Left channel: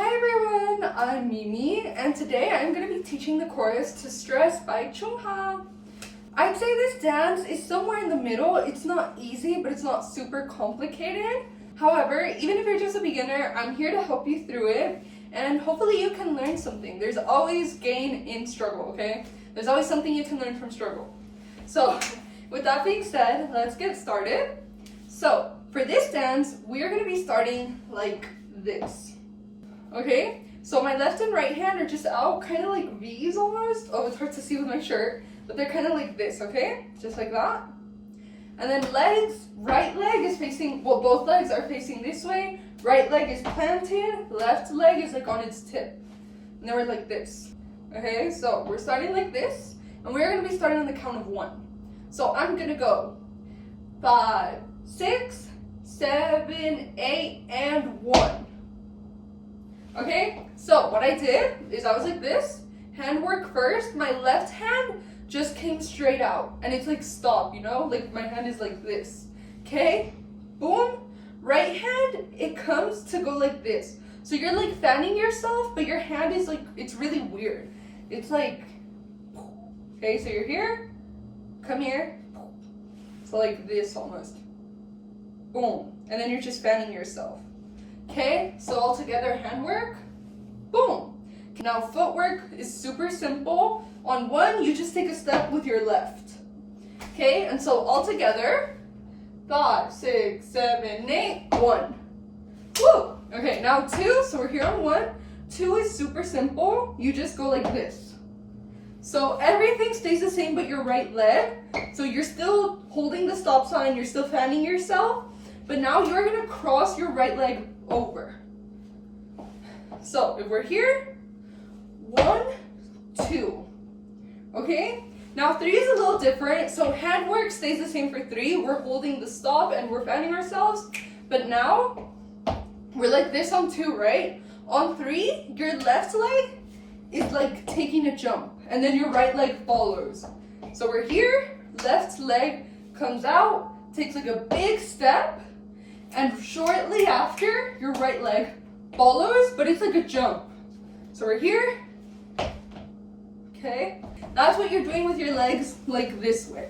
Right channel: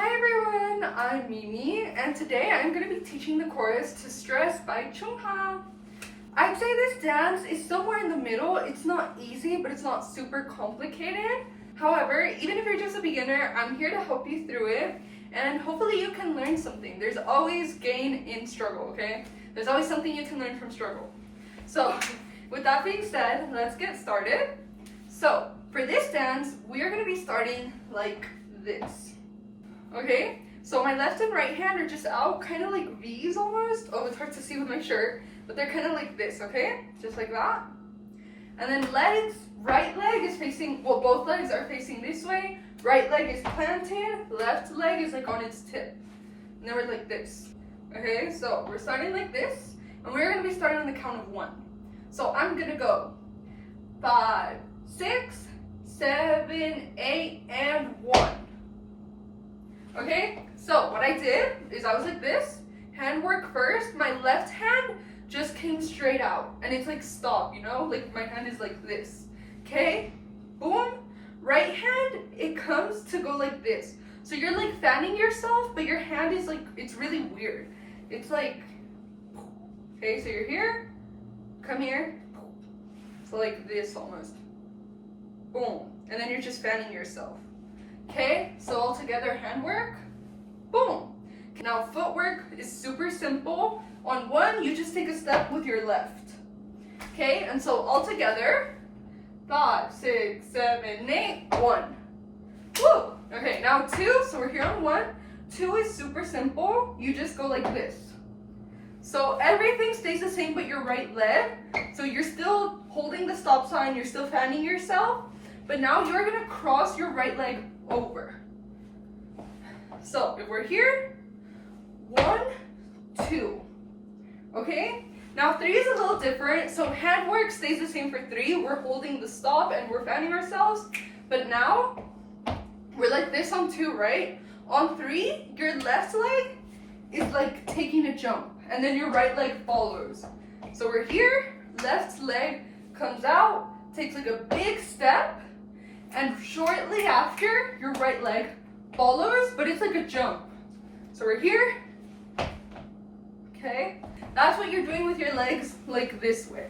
Hi everyone, I'm Mimi, and today I'm going to be teaching the chorus to Stress by CHUNG HA. I'd say this dance is somewhere in the middle. It's not easy, but it's not super complicated. However, even if you're just a beginner, I'm here to help you through it, and hopefully you can learn something. There's always gain in struggle, okay? There's always something you can learn from struggle. So, with that being said, let's get started. So, for this dance, we are going to be starting like this. Okay, so my left and right hand are just out, kind of like V's almost. Oh, it's hard to see with my shirt, but they're kind of like this, okay? Just like that. And then legs, right leg is facing, well, both legs are facing this way. Right leg is planted, left leg is like on its tip. And then we're like this. Okay, so we're starting like this, and we're going to be starting on the count of 1. So I'm going to go 5, 6, 7, 8, and 1. Okay, so what I did is I was like this, hand work first. My left hand just came straight out, and it's like stop, you know, like my hand is like this. Okay, boom. Right hand, it comes to go like this. So you're like fanning yourself, but your hand is like, it's really weird. It's like, okay, so you're here, come here, so like this almost. Boom, and then you're just fanning yourself. Okay, so all together, handwork, boom. Now footwork is super simple. On 1, you just take a step with your left. Okay, and so all together, 5, 6, 7, 8, 1. Woo! Okay, now 2, so we're here on 1. 2 is super simple. You just go like this. So everything stays the same but your right leg. So you're still holding the stop sign, you're still fanning yourself, but now you're gonna cross your right leg over. So if we're here, 1, 2. Okay? Now 3 is a little different. So handwork stays the same for 3. We're holding the stop and we're fanning ourselves. But now we're like this on 2, right? On 3, your left leg is like taking a jump, and then your right leg follows. So we're here, left leg comes out, takes like a big step, and shortly after, your right leg follows, but it's like a jump. So we're here. Okay, that's what you're doing with your legs, like this way.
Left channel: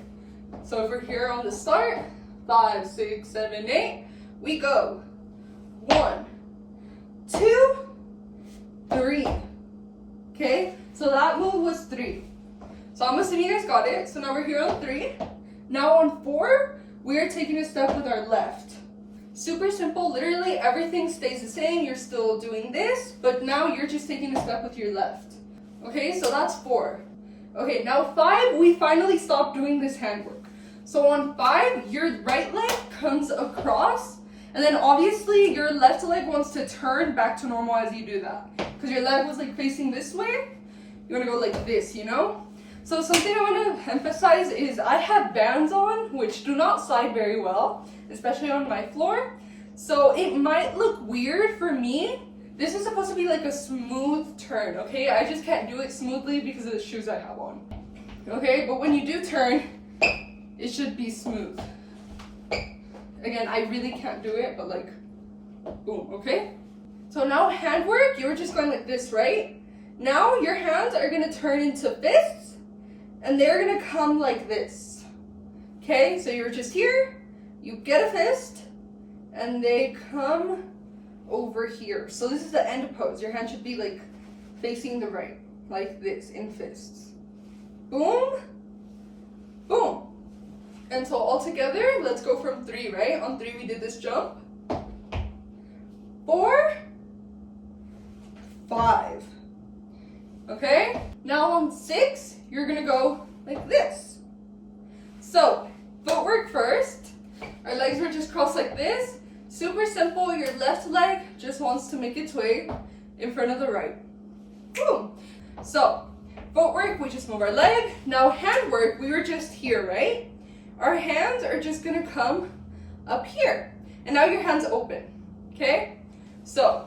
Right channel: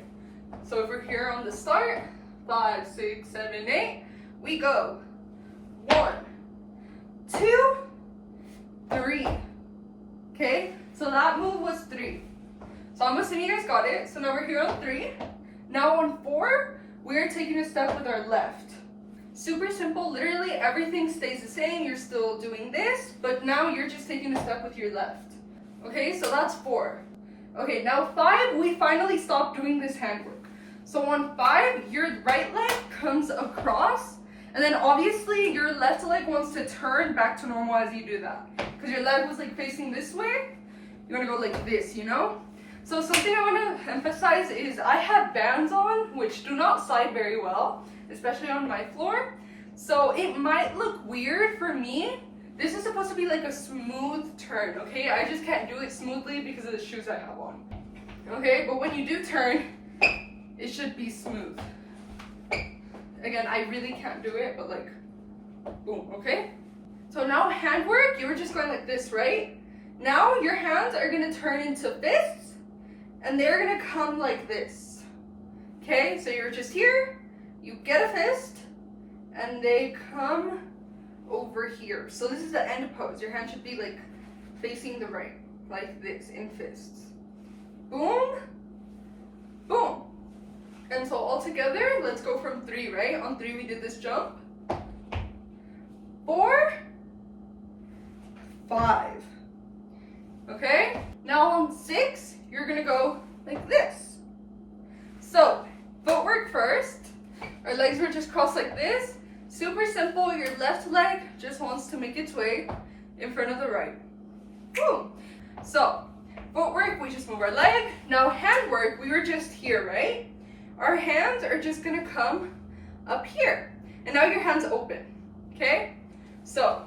So if we're here on the start, 5, 6, 7, 8, we go 1, 2, 3. Okay, so that move was 3. So I'm assuming you guys got it. So now we're here on 3. Now on 4, we are taking a step with our left. Super simple, literally everything stays the same. You're still doing this, but now you're just taking a step with your left. Okay, so that's 4. Okay, now 5, we finally stopped doing this handwork. So on 5, your right leg comes across, and then obviously your left leg wants to turn back to normal as you do that. Because your leg was like facing this way, you want to go like this, you know? So something I want to emphasize is I have bands on, which do not slide very well, especially on my floor. So it might look weird for me. This is supposed to be like a smooth turn, okay? I just can't do it smoothly because of the shoes I have on. Okay, but when you do turn, it should be smooth. Again, I really can't do it, but like, boom, okay? So now handwork, you were just going like this, right? Now your hands are gonna turn into fists, and they're gonna come like this. Okay, so you're just here, you get a fist, and they come over here. So this is the end pose. Your hand should be like facing the right, like this, in fists. Boom, boom. And so all together, let's go from 3, right? On 3 we did this jump. 4, 5. Okay? Now on 6, you're gonna go like this. So, footwork first. Our legs were just crossed like this. Super simple, your left leg just wants to make its way in front of the right. Boom. So, footwork, we just move our leg. Now handwork, we were just here, right? Our hands are just gonna come up here. And now your hands open, okay? So,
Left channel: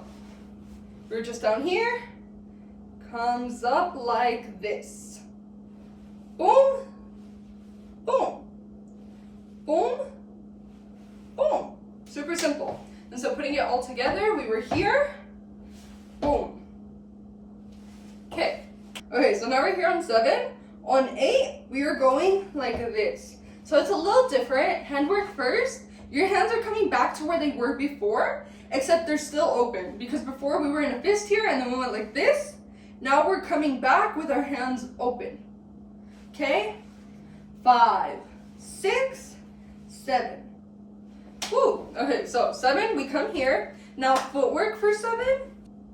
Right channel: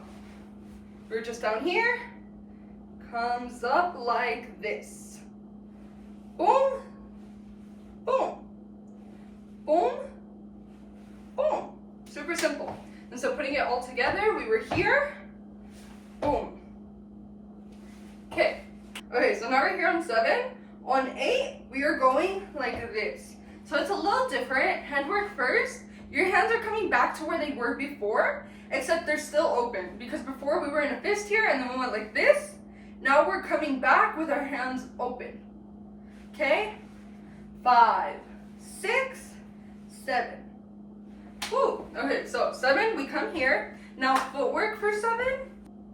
we're just down here, comes up like this. Boom, boom, boom, boom. Super simple. And so putting it all together, we were here, boom. Okay, so now we're here on 7. On 8, we are going like this. So it's a little different. Handwork first. Your hands are coming back to where they were before, except they're still open, because before we were in a fist here and then we went like this. Now we're coming back with our hands open. Okay? 5, 6, 7. Woo! Okay, so 7, we come here. Now footwork for 7.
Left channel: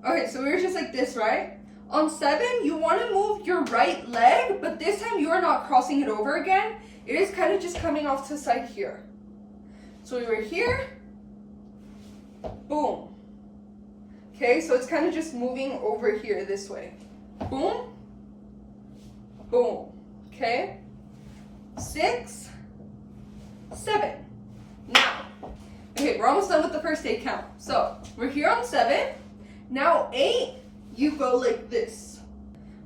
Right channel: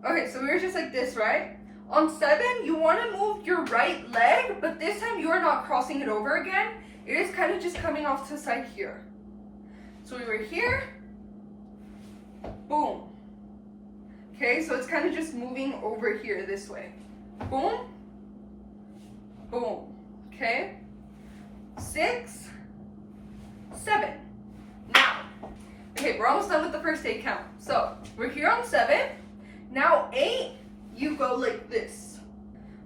Okay, so we were just like this, right? On 7, you want to move your right leg, but this time you are not crossing it over again. It is kind of just coming off to the side here. So we were here, boom. Okay, so it's kind of just moving over here this way. Boom, boom. Okay, 6, 7. Now, okay, we're almost done with the first 8 count. So we're here on 7. Now 8, you go like this.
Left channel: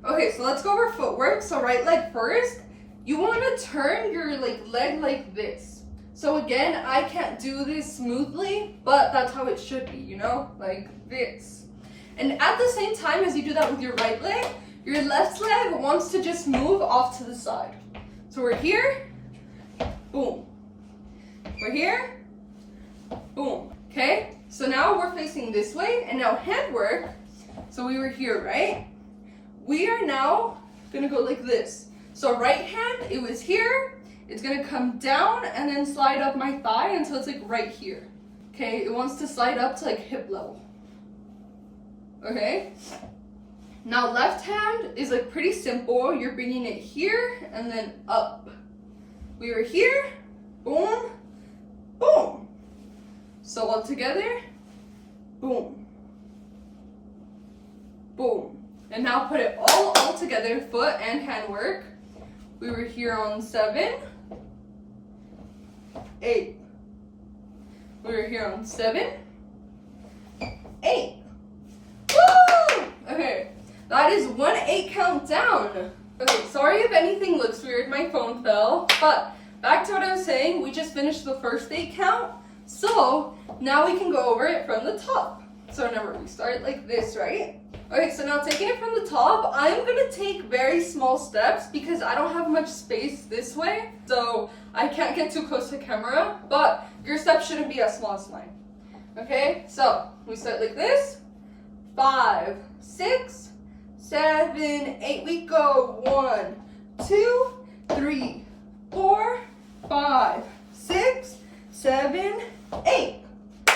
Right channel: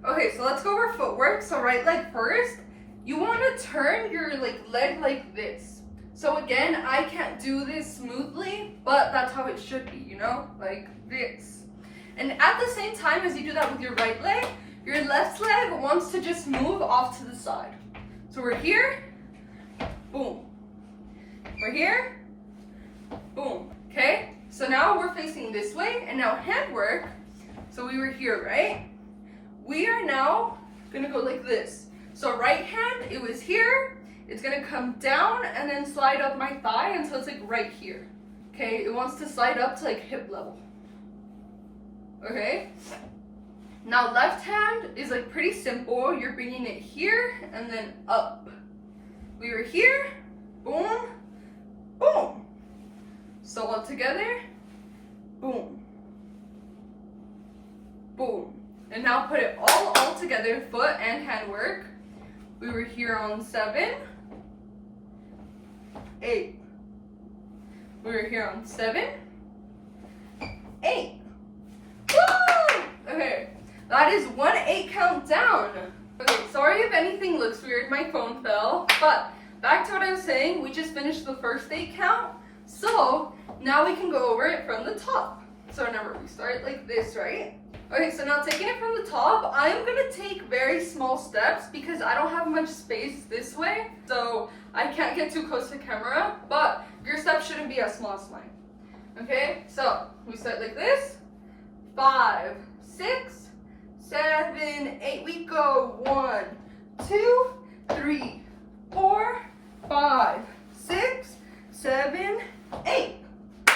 Okay, so let's go over footwork. So right leg first. You want to turn your leg like this. So again, I can't do this smoothly, but that's how it should be, you know, like this. And at the same time as you do that with your right leg, your left leg wants to just move off to the side. So we're here, boom. We're here, boom. Okay, so now we're facing this way, and now handwork. So we were here, right? We are now gonna go like this. So right hand, it was here. It's gonna come down and then slide up my thigh until it's like right here. Okay, it wants to slide up to like hip level. Okay? Now left hand is like pretty simple. You're bringing it here and then up. We were here, boom, boom. So all together, boom, boom. And now put it all together, foot and handwork. We were here on 7, 8. We were here on 7, 8. Woo! Okay, that is 1 8 count down. Okay, sorry if anything looks weird, my phone fell. But back to what I was saying, we just finished the first 8 count. So now we can go over it from the top. So remember, we start like this, right? Okay, so now taking it from the top, I'm gonna take very small steps because I don't have much space this way, so I can't get too close to camera, but your steps shouldn't be as small as mine. Okay, so we start like this, 5, 6, 7, 8, we go, 1, 2, 3, 4, 5, 6, 7, 8.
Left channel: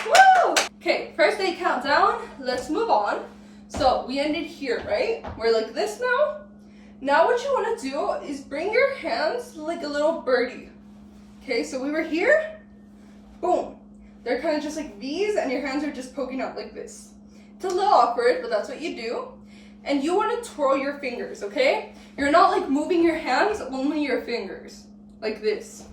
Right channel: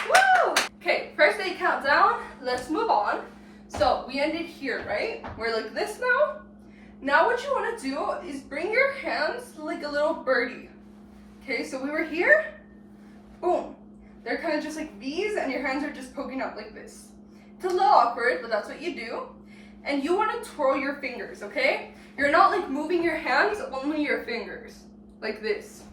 Woo! Okay, first 8 count down, let's move on. So we ended here, right? We're like this now. Now what you want to do is bring your hands like a little birdie. Okay, so we were here, boom. They're kind of just like V's and your hands are just poking out like this. It's a little awkward, but that's what you do. And you want to twirl your fingers, okay? You're not like moving your hands, only your fingers, like this.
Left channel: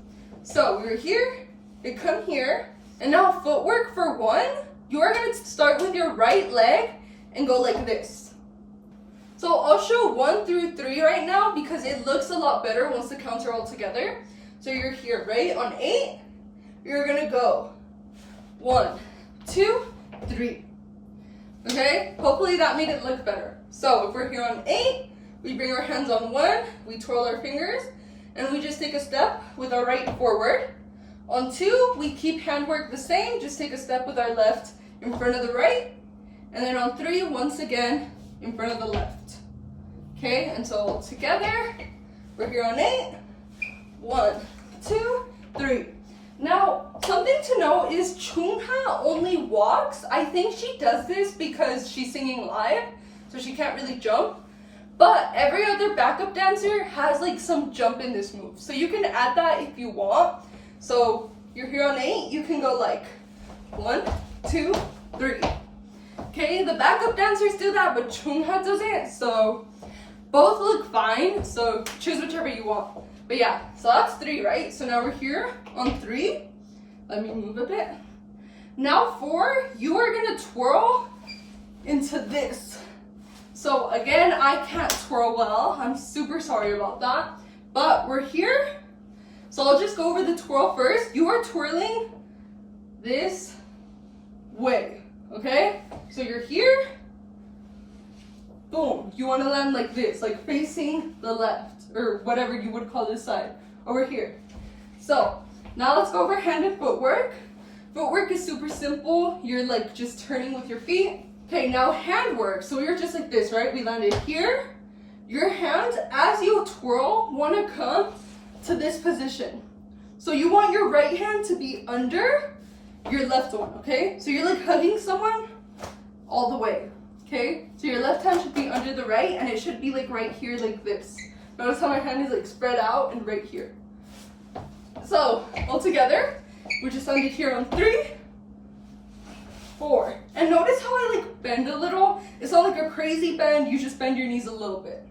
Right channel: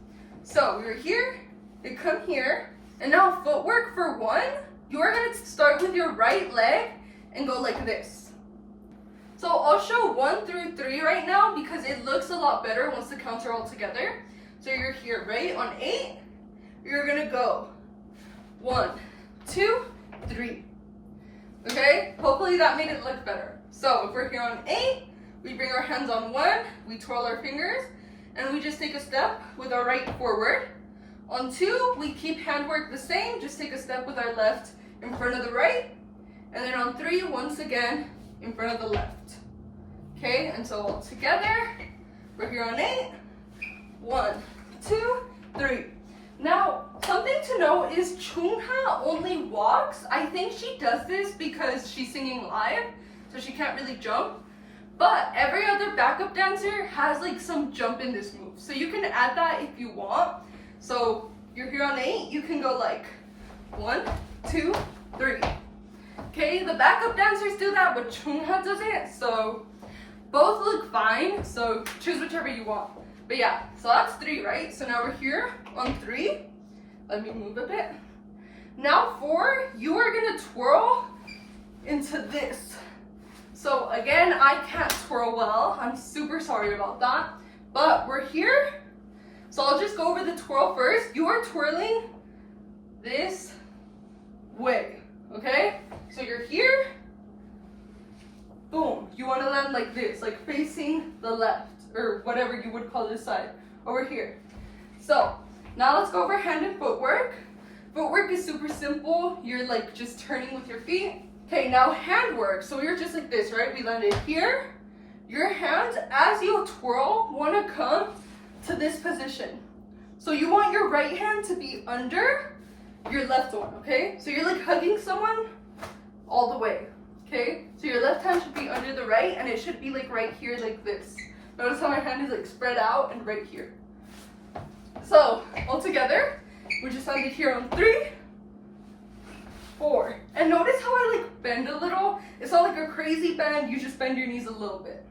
So we were here, we come here, and now footwork for 1, you are going to start with your right leg and go like this. So I'll show 1 through 3 right now because it looks a lot better once the counts are all together. So you're here, right? On 8, you're gonna go 1, 2, 3. Okay? Hopefully that made it look better. So if we're here on 8, we bring our hands on 1, we twirl our fingers, and we just take a step with our right forward. On 2, we keep handwork the same, just take a step with our left in front of the right. And then on 3, once again, in front of the left. Okay, and so all together, we're here on 8. 1, 2, 3. Now, something to know is Chung Ha only walks. I think she does this because she's singing live, so she can't really jump. But every other backup dancer has like some jump in this move. So you can add that if you want. So you're here on 8, you can go like 1, 2, 3. Okay, the backup dancers do that, but Chung Ha doesn't, so both look fine, so choose whichever you want. But yeah, so that's 3, right? So now we're here on 3. Let me move a bit. Now 4, you are gonna twirl into this. So again, I can't twirl well. I'm super sorry about that. But we're here. So I'll just go over the twirl first. You are twirling this way, okay? So you're here, Boom. You want to land like this, like facing the left, or whatever you would call this side, over here. So, now let's go over hand and footwork. Footwork is super simple. You're like just turning with your feet. Okay, now handwork. So we were just like this, right? We landed here. Your hands, as you twirl, want to come to this position. So you want your right hand to be under your left one, okay? So you're like hugging someone all the way, okay? So your left hand should be under the right, and it should be like right here like this. Notice how my hand is like spread out and right here. So all together, we just landed here on 3, 4. And notice how I like bend a little. It's not like a crazy bend, you just bend your knees a little bit.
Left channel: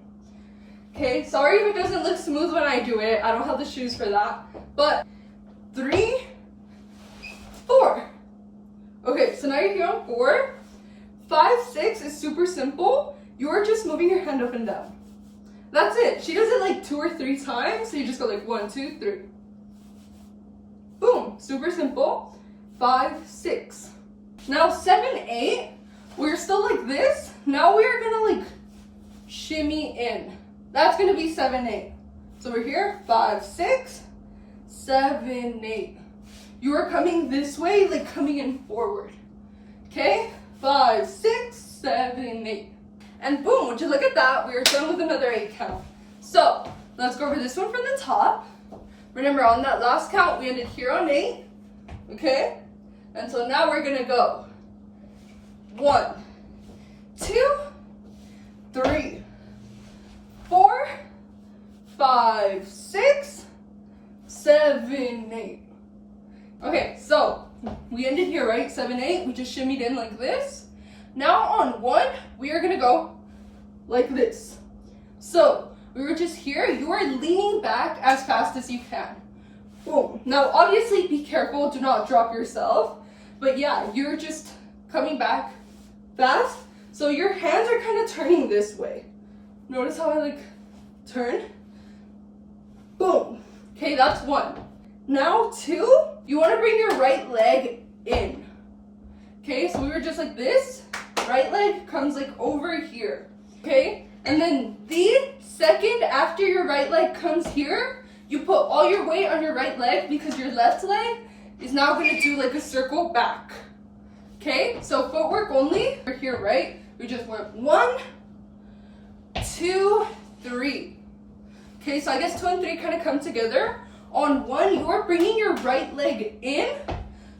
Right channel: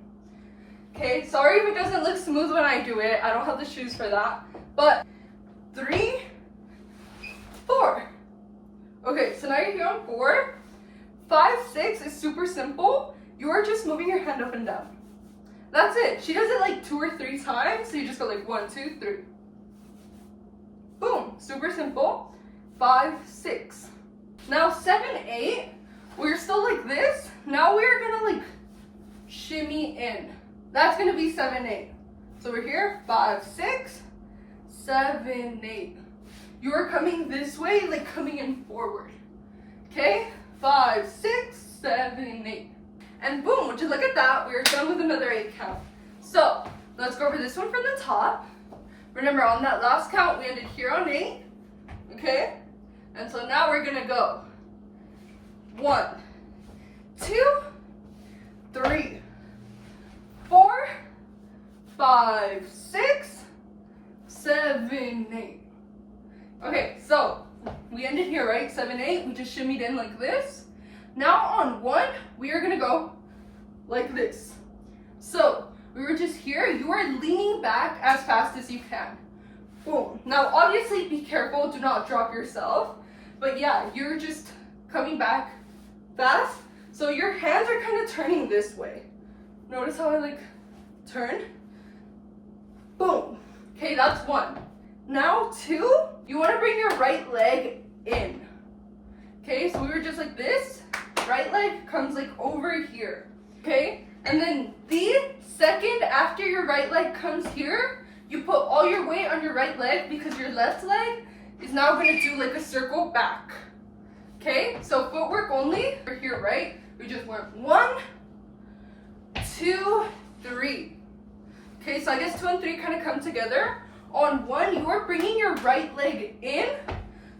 Okay, sorry if it doesn't look smooth when I do it. I don't have the shoes for that. But 3, 4. Okay, so now you're here on 4. 5, 6 is super simple. You're just moving your hand up and down. That's it. She does it like 2 or 3 times. So you just go like 1, 2, 3. Boom, super simple. 5, 6. Now 7, 8, we're still like this. Now we're gonna like shimmy in. That's gonna be 7, 8. So we're here, 5, 6, 7, 8. You are coming this way, like coming in forward. Okay, 5, 6, 7, 8. And boom, would you look at that? We are done with another 8 count. So let's go over this one from the top. Remember, on that last count, we ended here on 8. Okay, and so now we're gonna go 1, 2, 3, 4, 5, 6, 7, 8. Okay, so we ended here, right? 7, 8. We just shimmied in like this. Now on 1, we are gonna go like this. So we were just here. You are leaning back as fast as you can. Boom. Now obviously be careful. Do not drop yourself. But yeah, you're just coming back fast. So your hands are kind of turning this way. Notice how I like turn? Boom. Okay, that's 1. Now 2, you want to bring your right leg in. Okay, so we were just like this. Right leg comes like over here. Okay, and then the second after your right leg comes here, you put all your weight on your right leg because your left leg is now going to do like a circle back. Okay, so footwork only. We're here, right? We just went 1, 2, 3. Okay, so I guess 2 and 3 kind of come together. On 1, you are bringing your right leg in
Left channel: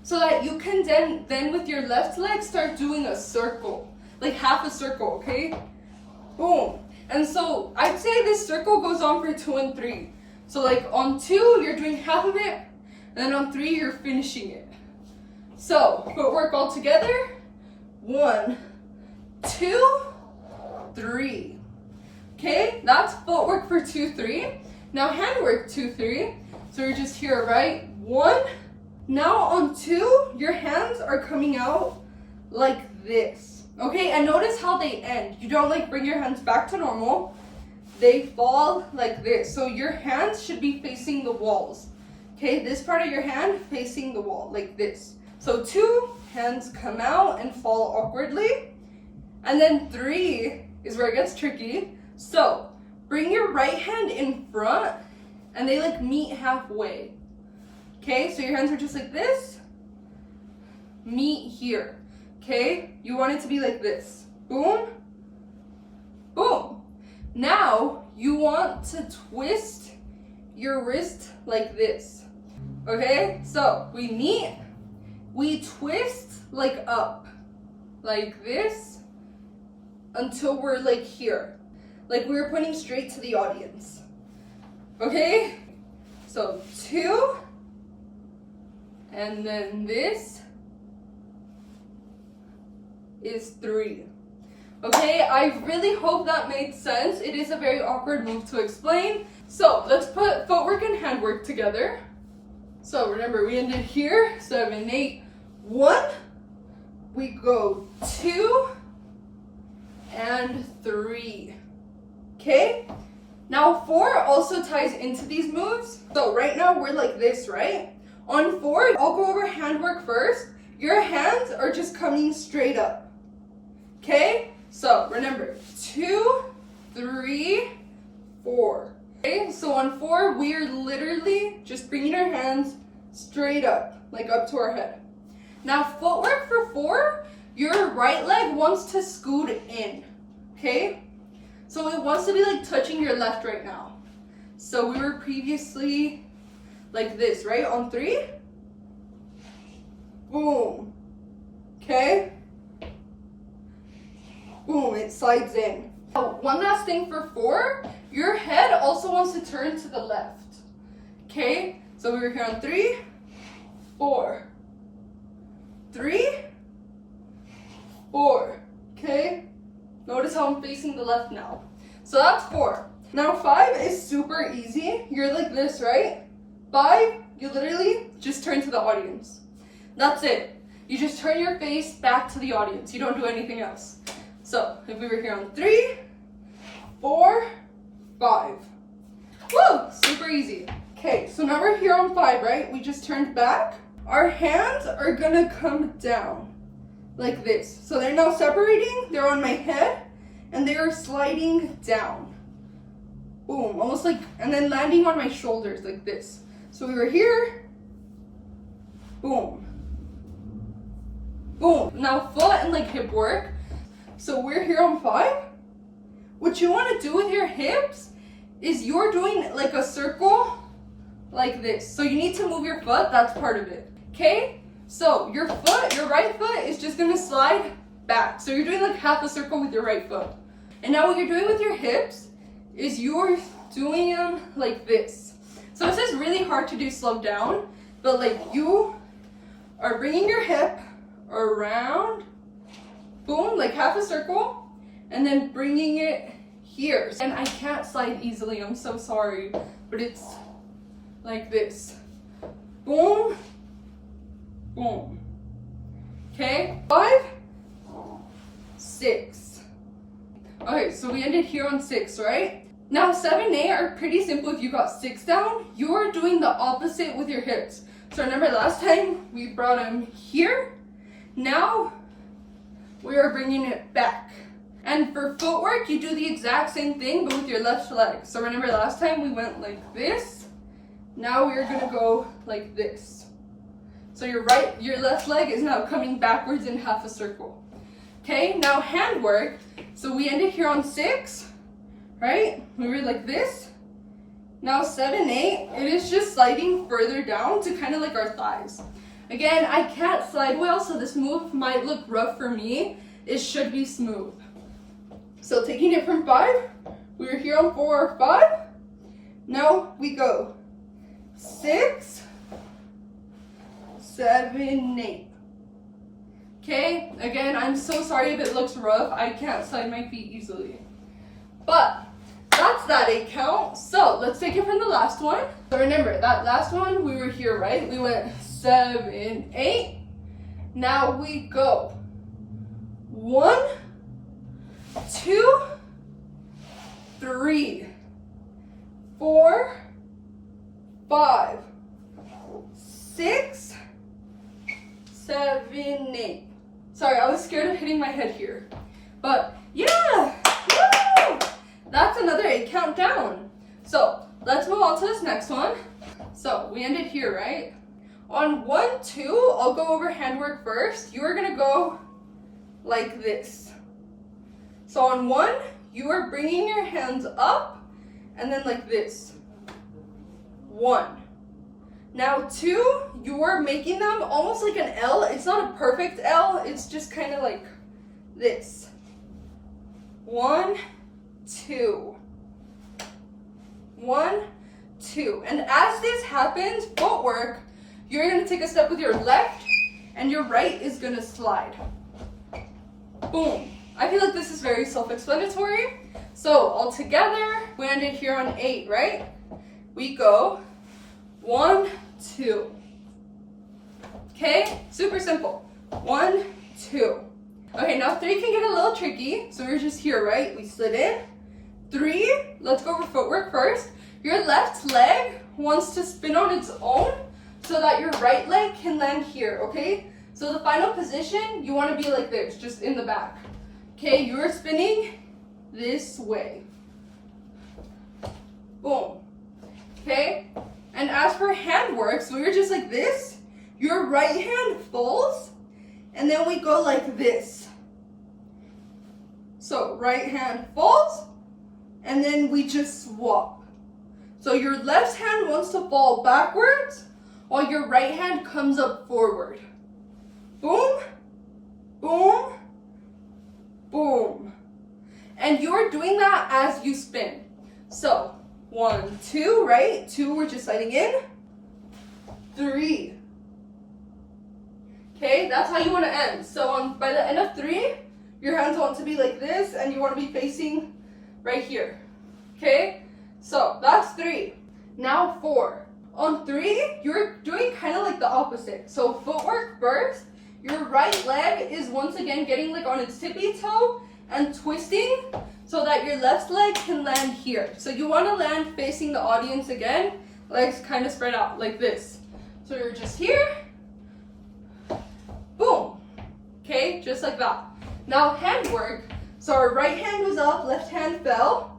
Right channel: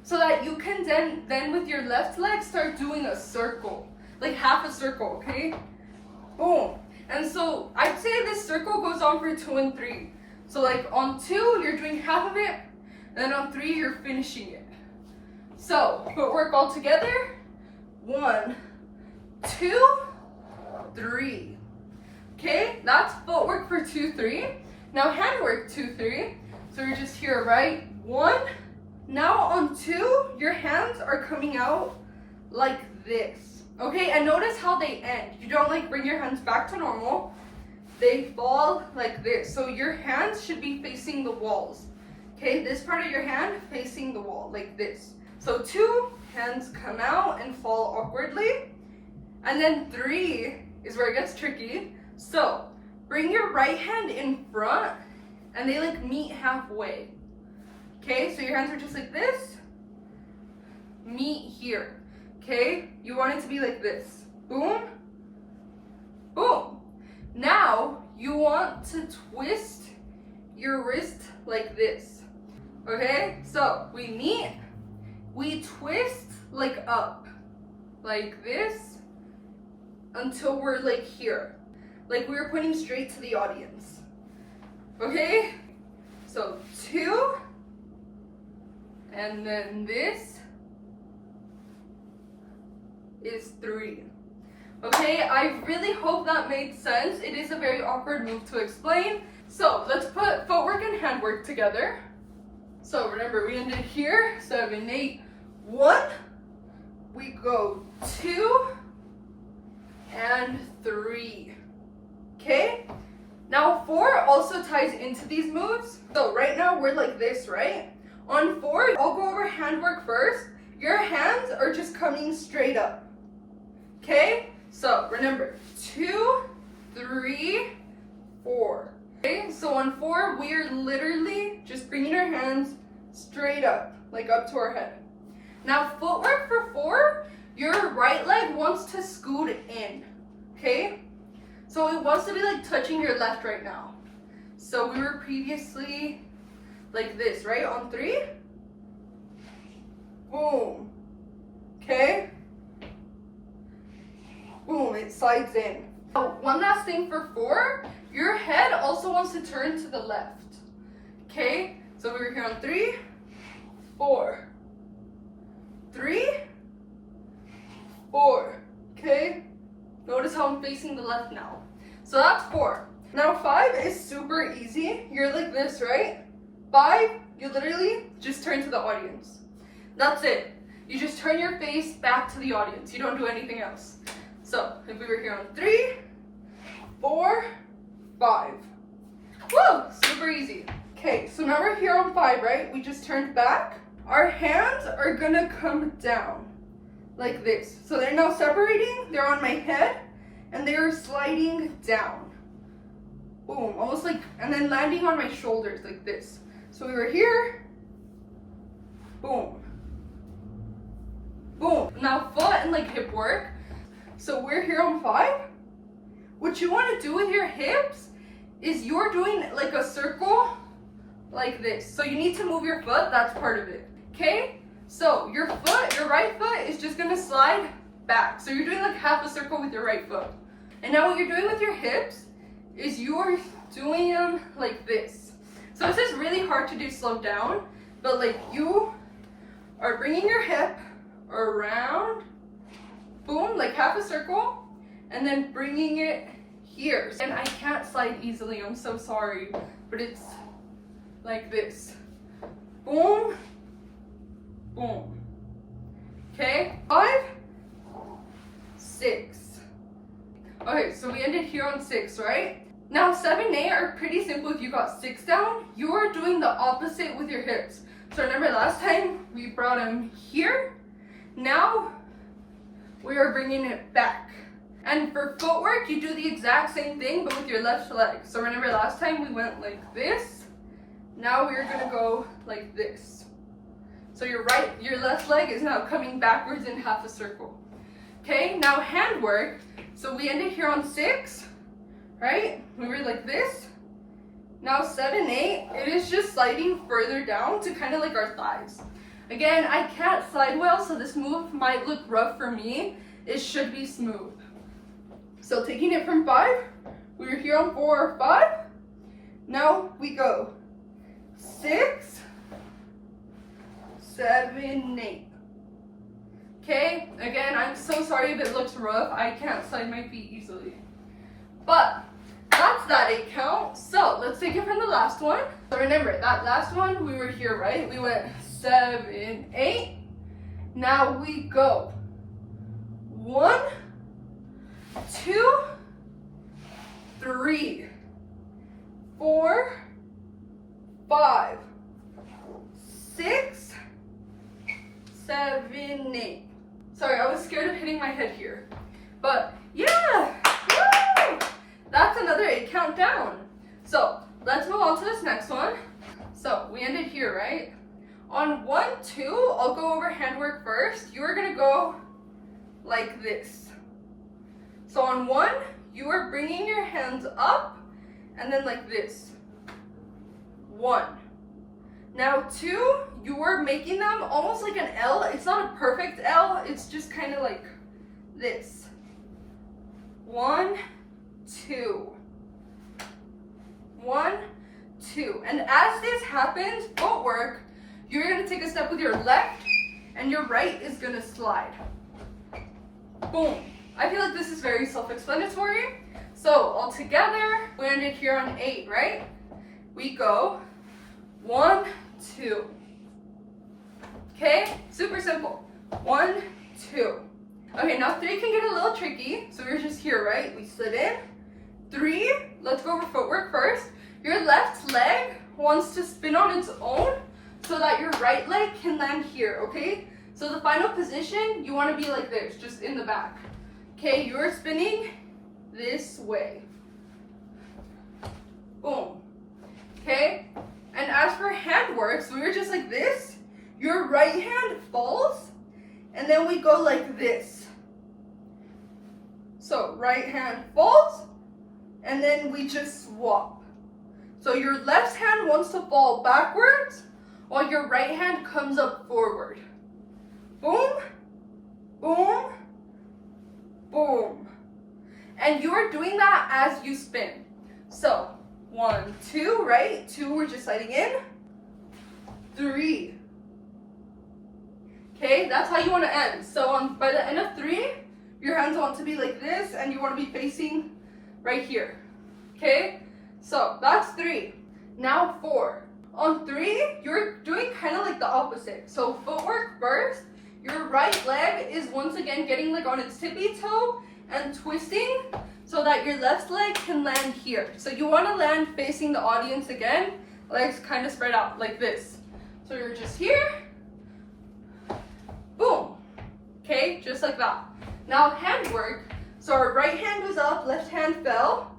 so that you can then with your left leg start doing a circle, like half a circle, okay? Boom. And so I'd say this circle goes on for 2 and 3. So like on 2, you're doing half of it, and then on 3, you're finishing it. So footwork all together. 1, 2, 3. Okay, that's footwork for 2, 3. Now handwork 2, 3. So we're just here, right? 1. Now on 2, your hands are coming out like this. Okay, and notice how they end. You don't like bring your hands back to normal. They fall like this. So your hands should be facing the walls. Okay, this part of your hand facing the wall, like this. So 2, hands come out and fall awkwardly. And then 3 is where it gets tricky. So bring your right hand in front and they like meet halfway. Okay, so your hands are just like this. Meet here. Okay, you want it to be like this. Boom, boom. Now you want to twist your wrist like this. Okay, so we meet, we twist like up, like this, until we're like here. Like we're pointing straight to the audience. Okay, so 2, and then this is 3. Okay, I really hope that made sense. It is a very awkward move to explain. So let's put footwork and handwork together. So remember, we ended here, 7, 8, 1. We go 2 and 3. Okay? Now 4 also ties into these moves. So right now we're like this, right? On 4, I'll go over handwork first. Your hands are just coming straight up. Okay? So remember, 2, 3, 4. Okay, so on 4, we are literally just bringing our hands straight up, like up to our head. Now footwork for 4, your right leg wants to scoot in, okay? So it wants to be like touching your left right now. So we were previously like this, right? On 3, boom, okay? Boom, it slides in. Now, one last thing for 4, your head also wants to turn to the left, okay? So we were here on 3, 4, 3, 4, okay? Notice how I'm facing the left now. So that's 4. Now 5 is super easy. You're like this, right? 5, you literally just turn to the audience. That's it. You just turn your face back to the audience. You don't do anything else. So if we were here on 3, 4, 5. Woo! Super easy. Okay, so now we're here on 5, right? We just turned back. Our hands are gonna come down like this. So they're now separating, they're on my head, and they're sliding down. Boom, almost like, and then landing on my shoulders like this. So we were here, boom, boom. Now foot and like hip work. So we're here on 5. What you wanna do with your hips is you're doing like a circle like this. So you need to move your foot, that's part of it. Okay, so your foot, your right foot is just gonna slide back. So you're doing like half a circle with your right foot. And now what you're doing with your hips is you're doing them like this. So this is really hard to do slow down, but like you are bringing your hip around, boom, like half a circle, and then bringing it here. And I can't slide easily, I'm so sorry, but it's like this. Boom, boom. Okay, 5, 6. Okay, so we ended here on 6, right? Now 7 and 8 are pretty simple. If you got 6 down, you're doing the opposite with your hips. So remember last time we brought them here. Now we are bringing it back. And for footwork, you do the exact same thing, but with your left leg. So remember last time we went like this. Now we're gonna go like this. So your left leg is now coming backwards in half a circle. Okay, now hand work. So we ended here on 6, right? We were like this. Now 7, 8, it is just sliding further down to kind of like our thighs. Again, I can't slide well, so this move might look rough for me. It should be smooth. So taking it from 5, we were here on 4, 5. Now we go 6, 7, 8. Okay, again, I'm so sorry if it looks rough. I can't slide my feet easily. But that's that 8 count. So let's take it from the last one. So remember, that last one, we were here, right? We went 7, 8. Now we go 1, 2, 3, 4, 5, 6, 7, 8. Sorry, I was scared of hitting my head here. But yeah, woo! That's another 8 count down. So let's move on to this next one. So we ended here, right? On 1, 2, I'll go over handwork first. You are gonna go like this. So on 1, you are bringing your hands up and then like this. 1. Now 2, you are making them almost like an L. It's not a perfect L, it's just kind of like this. 1, 2. 1, 2. And as this happens, footwork, you're gonna take a step with your left and your right is gonna slide. Boom. I feel like this is very self-explanatory. So all together, we ended here on 8, right? We go 1, 2. Okay, super simple. 1, 2. Okay, now 3 can get a little tricky. So we're just here, right? We slid in. 3, let's go over footwork first. Your left leg wants to spin on its own so that your right leg can land here, okay? So the final position, you want to be like this, just in the back. Okay, you're spinning this way. Boom. Okay? And as for hand work, so we were just like this. Your right hand falls, and then we go like this. So right hand falls, and then we just swap. So your left hand wants to fall backwards, while your right hand comes up forward. Boom, boom, boom. And you're doing that as you spin. So 1, 2, right? 2, we're just sliding in. 3. Okay, that's how you want to end. So by the end of 3, your hands want to be like this, and you want to be facing right here. Okay, so that's 3. Now 4. On 3, you're doing kind of like the opposite. So footwork first. Your right leg is once again getting like on its tippy toe and twisting so that your left leg can land here. So you want to land facing the audience again, legs kind of spread out like this. So you're just here, boom. Okay, just like that. Now hand work. So our right hand was up, left hand fell.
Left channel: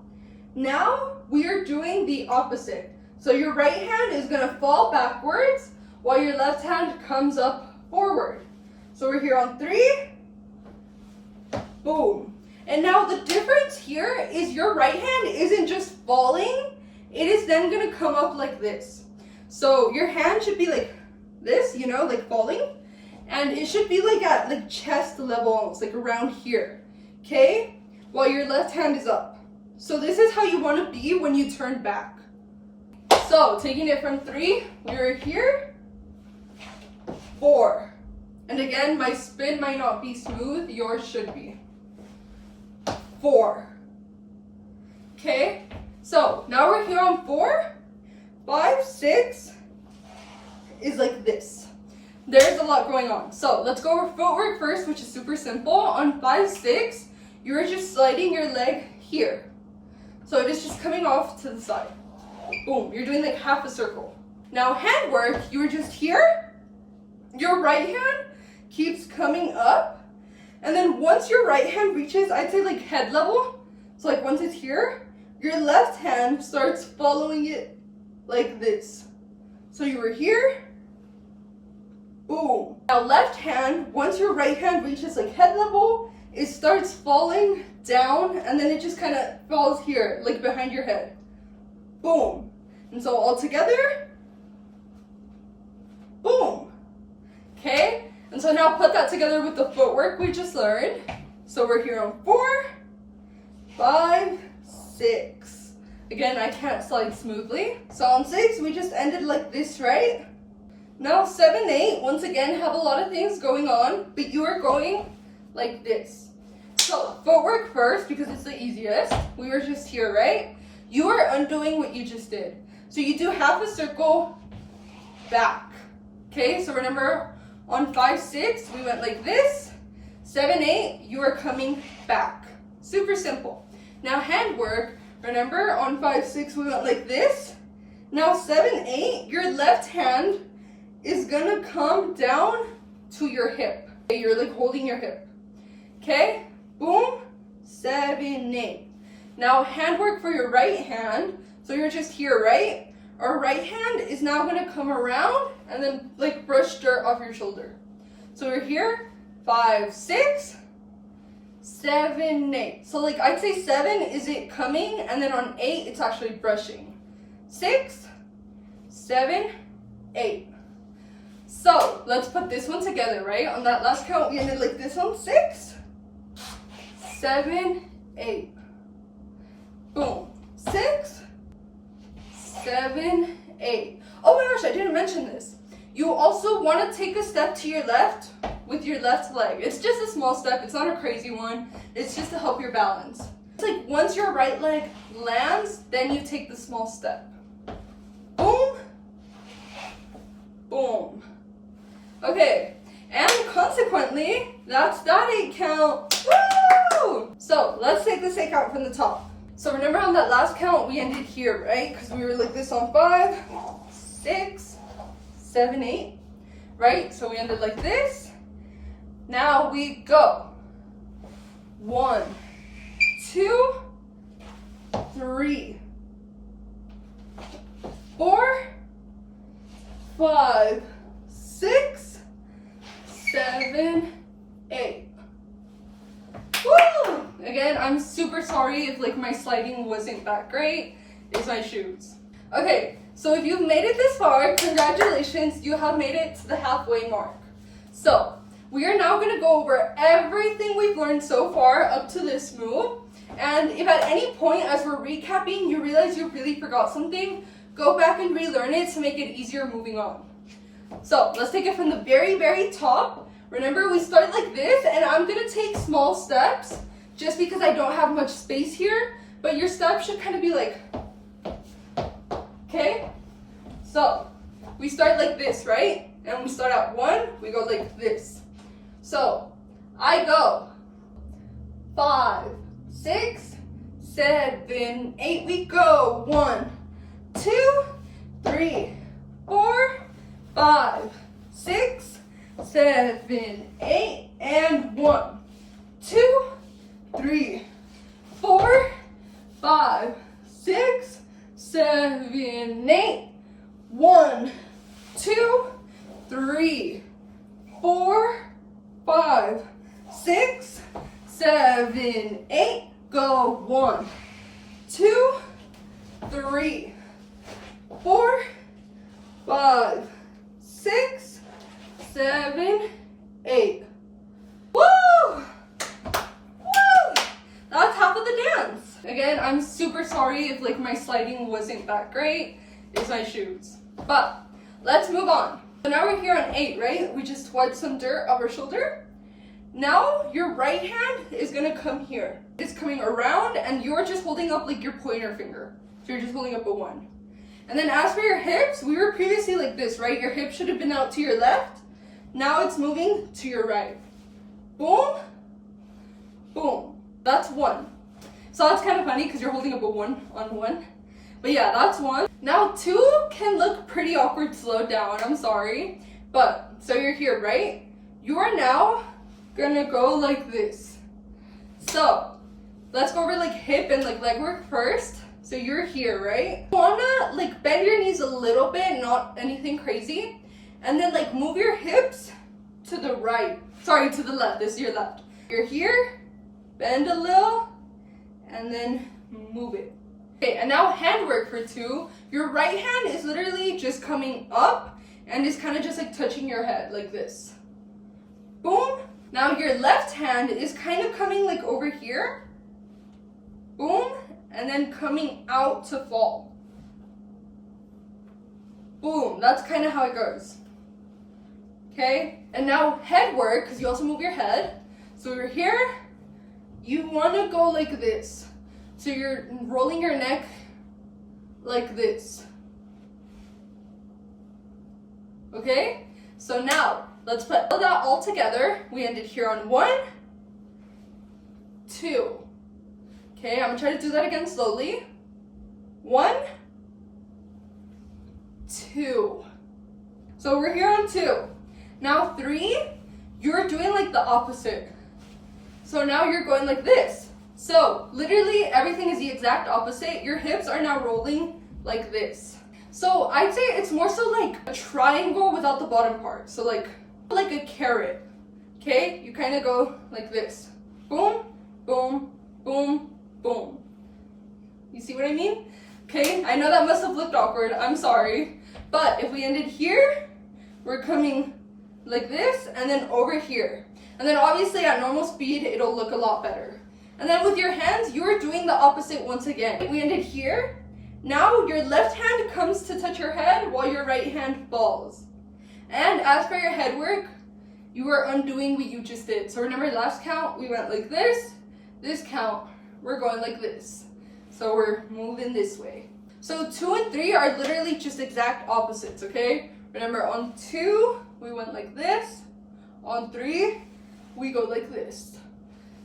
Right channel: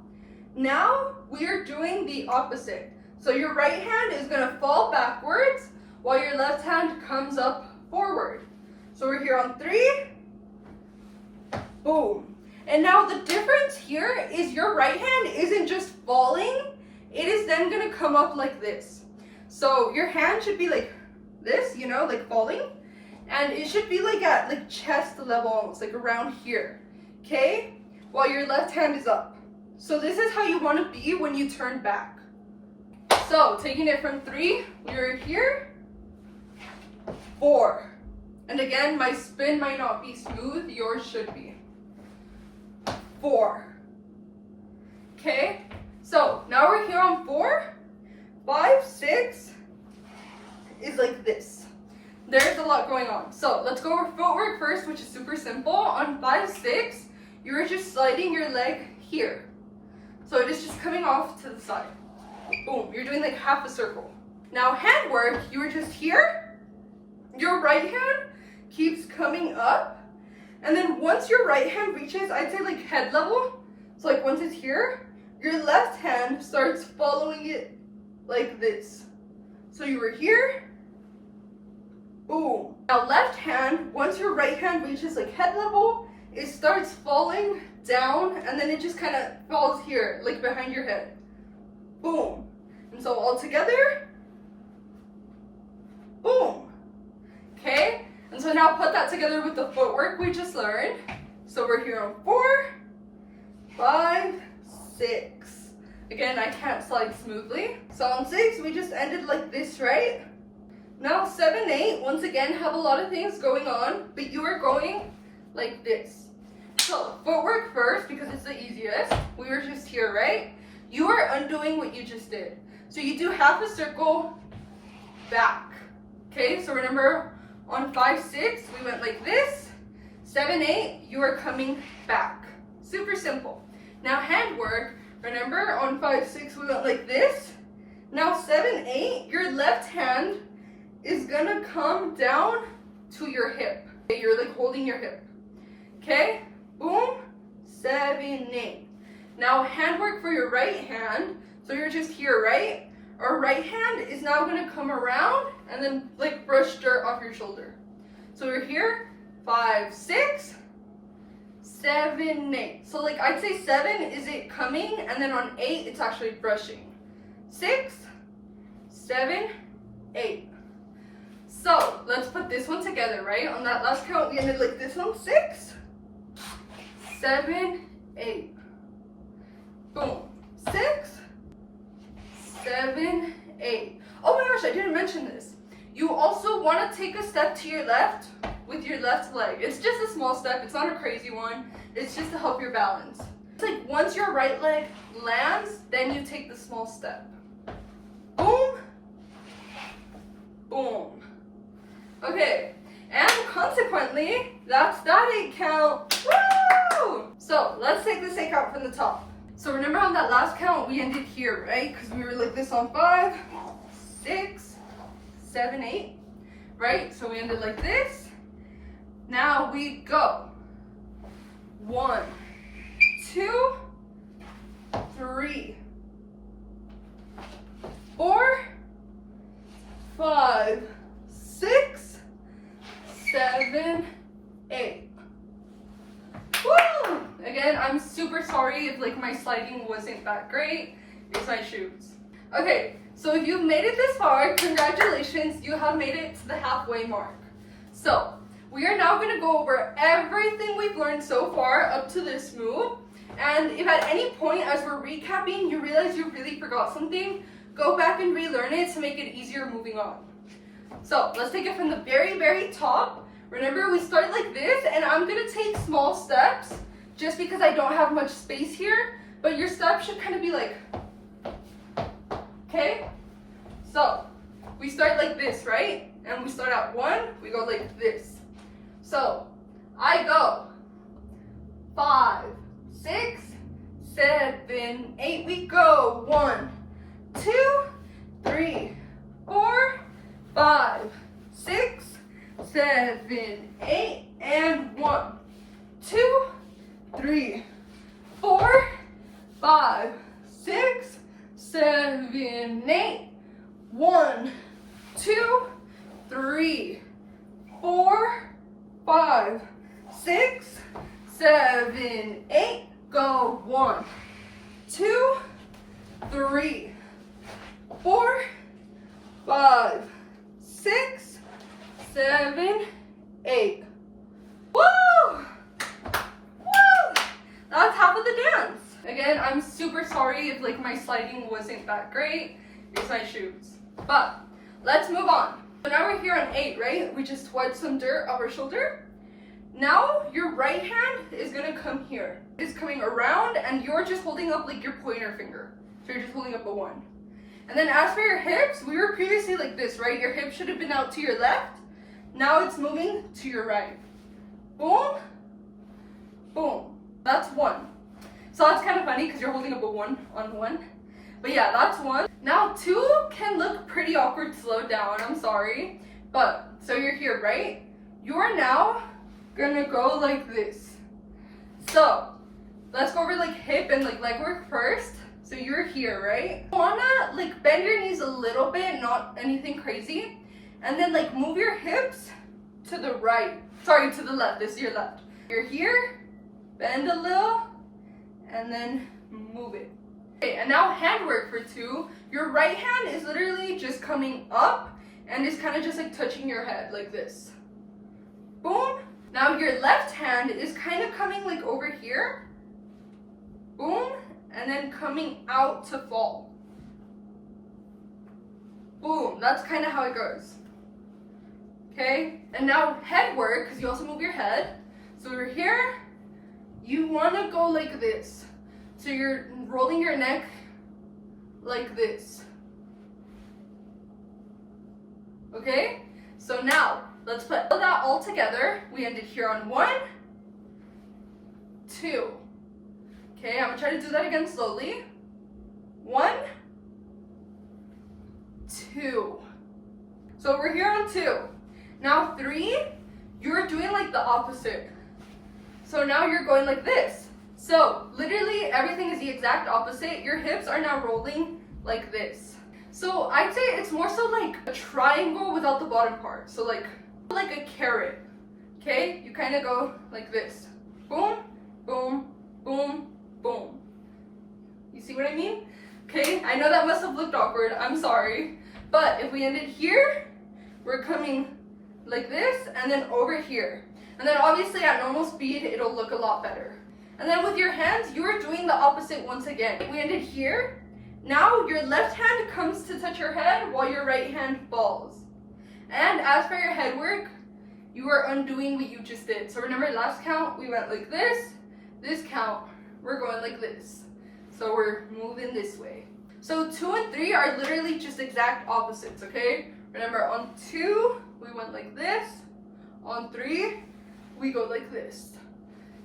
Now we are doing the opposite. So your right hand is gonna fall backwards while your left hand comes up forward. So we're here on 3, boom. And now the difference here is your right hand isn't just falling, it is then gonna come up like this. So your hand should be like this, you know, like falling. And it should be like at like chest level almost, like around here, okay? While your left hand is up. So this is how you want to be when you turn back. So taking it from 3, we were here, 4. And again, my spin might not be smooth, yours should be. 4. Okay, so now we're here on 4, 5, 6 is like this. There's a lot going on. So let's go over footwork first, which is super simple. On 5, 6, you're just sliding your leg here. So it is just coming off to the side. Boom, you're doing like half a circle. Now hand work, you were just here. Your right hand keeps coming up. And then once your right hand reaches, I'd say like head level. So like once it's here, your left hand starts following it like this. So you were here. Boom. Now left hand, once your right hand reaches like head level, it starts falling down, and then it just kind of falls here, like behind your head. Boom. And so all together, boom. Okay? And so now put that together with the footwork we just learned. So we're here on 4, 5, 6. Again, I can't slide smoothly. So on 6, we just ended like this, right? Now 7, 8, once again, have a lot of things going on, but you are going like this. So footwork first, because it's the easiest. We were just here, right? You are undoing what you just did. So you do half a circle back. Okay, so remember on 5, 6, we went like this. 7, 8, you are coming back. Super simple. Now hand work, remember on 5, 6, we went like this. Now 7, 8, your left hand is gonna come down to your hip. Okay, you're like holding your hip. Okay, boom, 7, 8. Now hand work for your right hand. So you're just here, right? Our right hand is now gonna come around and then like brush dirt off your shoulder. So we're here, 5, 6, 7, 8. So like I'd say 7 is it coming, and then on 8 it's actually brushing. 6, 7, 8. So let's put this one together, right? On that last count, we ended like this one. 6, 7, 8. Boom. 6, 7, 8. Oh my gosh, I didn't mention this. You also want to take a step to your left with your left leg. It's just a small step. It's not a crazy one. It's just to help your balance. It's like once your right leg lands, then you take the small step. Boom. Boom. Okay, and consequently, that's that 8 count. Woo! So let's take this 8 count from the top. So remember on that last count, we ended here, right? Because we were like this on 5, 6, 7, 8, right? So we ended like this. Now we go. 1, 2, 3, 4, 5, 6, 7, 8. Woo! Again, I'm super sorry if like my sliding wasn't that great. It's my shoes. Okay, so if you've made it this far, congratulations, you have made it to the halfway mark. So, we are now going to go over everything we've learned so far up to this move. And if at any point as we're recapping you realize you really forgot something, go back and relearn it to make it easier moving on. So, let's take it from the very, very top. Remember, we start like this, and I'm going to take small steps just because I don't have much space here, but your steps should kind of be like, okay? So, we start like this, right? And we start at 1, we go like this. So, I go 5, 6, 7, 8, we go 1, 2, 3, 4, 5, 6, 7, 8, and 1, 2, 3, 4, 5, 6, 7, 8, 1, 2, 3, 4, 5, 6, 7, 8, go 1, 2, 3, 4, 5, 6, 7, 8. Woo! Woo! That's half of the dance. Again, I'm super sorry if like my sliding wasn't that great. It's my shoes. But let's move on. So now we're here on 8, right? We just wiped some dirt off our shoulder. Now your right hand is gonna come here. It's coming around and you're just holding up like your pointer finger. So you're just holding up a 1. And then as for your hips, we were previously like this, right? Your hip should have been out to your left. Now it's moving to your right. Boom, boom. That's 1. So that's kind of funny because you're holding up a 1 on 1. But yeah, that's 1. Now 2 can look pretty awkward slowed down, I'm sorry. But, so you're here, right? You're now gonna go like this. So, let's go over like hip and like leg work first. So you're here, right? You wanna like bend your knees a little bit, not anything crazy. And then like move your hips to the right. Sorry, to the left, this is your left. You're here, bend a little, and then move it. Okay, and now hand work for 2. Your right hand is literally just coming up and is kind of just like touching your head like this. Boom. Now your left hand is kind of coming like over here. Boom. And then coming out to fall. Boom. That's kind of how it goes. Okay. And now head work, because you also move your head. So we're here. You want to go like this. So you're rolling your neck like this. Okay? So now, let's put that all together. We ended here on 1, 2. Okay, I'm gonna try to do that again slowly. 1, 2. So we're here on 2. Now 3, you're doing like the opposite. So now you're going like this. So literally everything is the exact opposite. Your hips are now rolling like this. So I'd say it's more so like a triangle without the bottom part. So like a carrot. Okay, you kind of go like this. Boom, boom, boom, boom. You see what I mean? Okay, I know that must have looked awkward. I'm sorry. But if we ended here, we're coming like this and then over here. And then obviously at normal speed, it'll look a lot better. And then with your hands, you're doing the opposite once again. We ended here. Now your left hand comes to touch your head while your right hand falls. And as for your head work, you are undoing what you just did. So remember last count, we went like this. This count, we're going like this. So we're moving this way. So 2 and 3 are literally just exact opposites, okay? Remember on 2, we went like this. On 3, we go like this.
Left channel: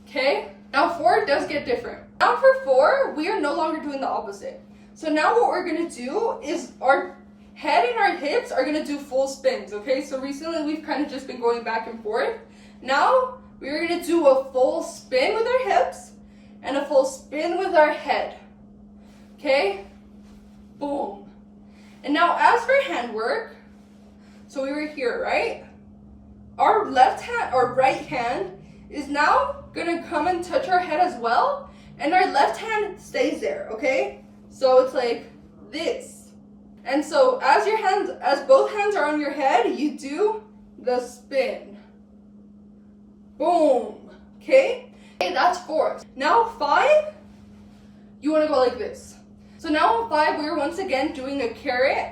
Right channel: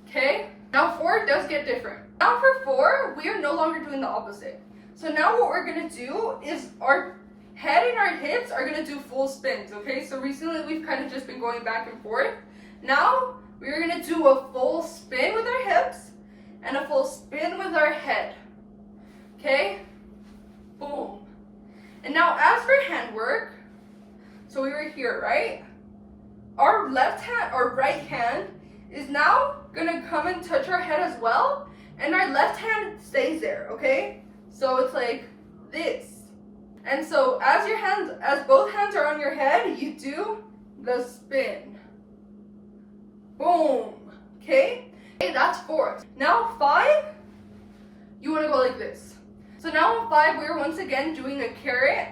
Okay? Now 4 does get different. Now for 4, we are no longer doing the opposite. So now what we're gonna do is our head and our hips are gonna do full spins, okay? So recently we've kind of just been going back and forth. Now we're gonna do a full spin with our hips and a full spin with our head. Okay? Boom. And now as for hand work, so we were here, right? Our left hand, or right hand, is now gonna come and touch our head as well, and our left hand stays there, okay? So it's like this. And so as both hands are on your head, you do the spin. Boom. Okay? Okay, that's 4. Now 5, you wanna go like this. So now in 5, we're once again doing a carrot,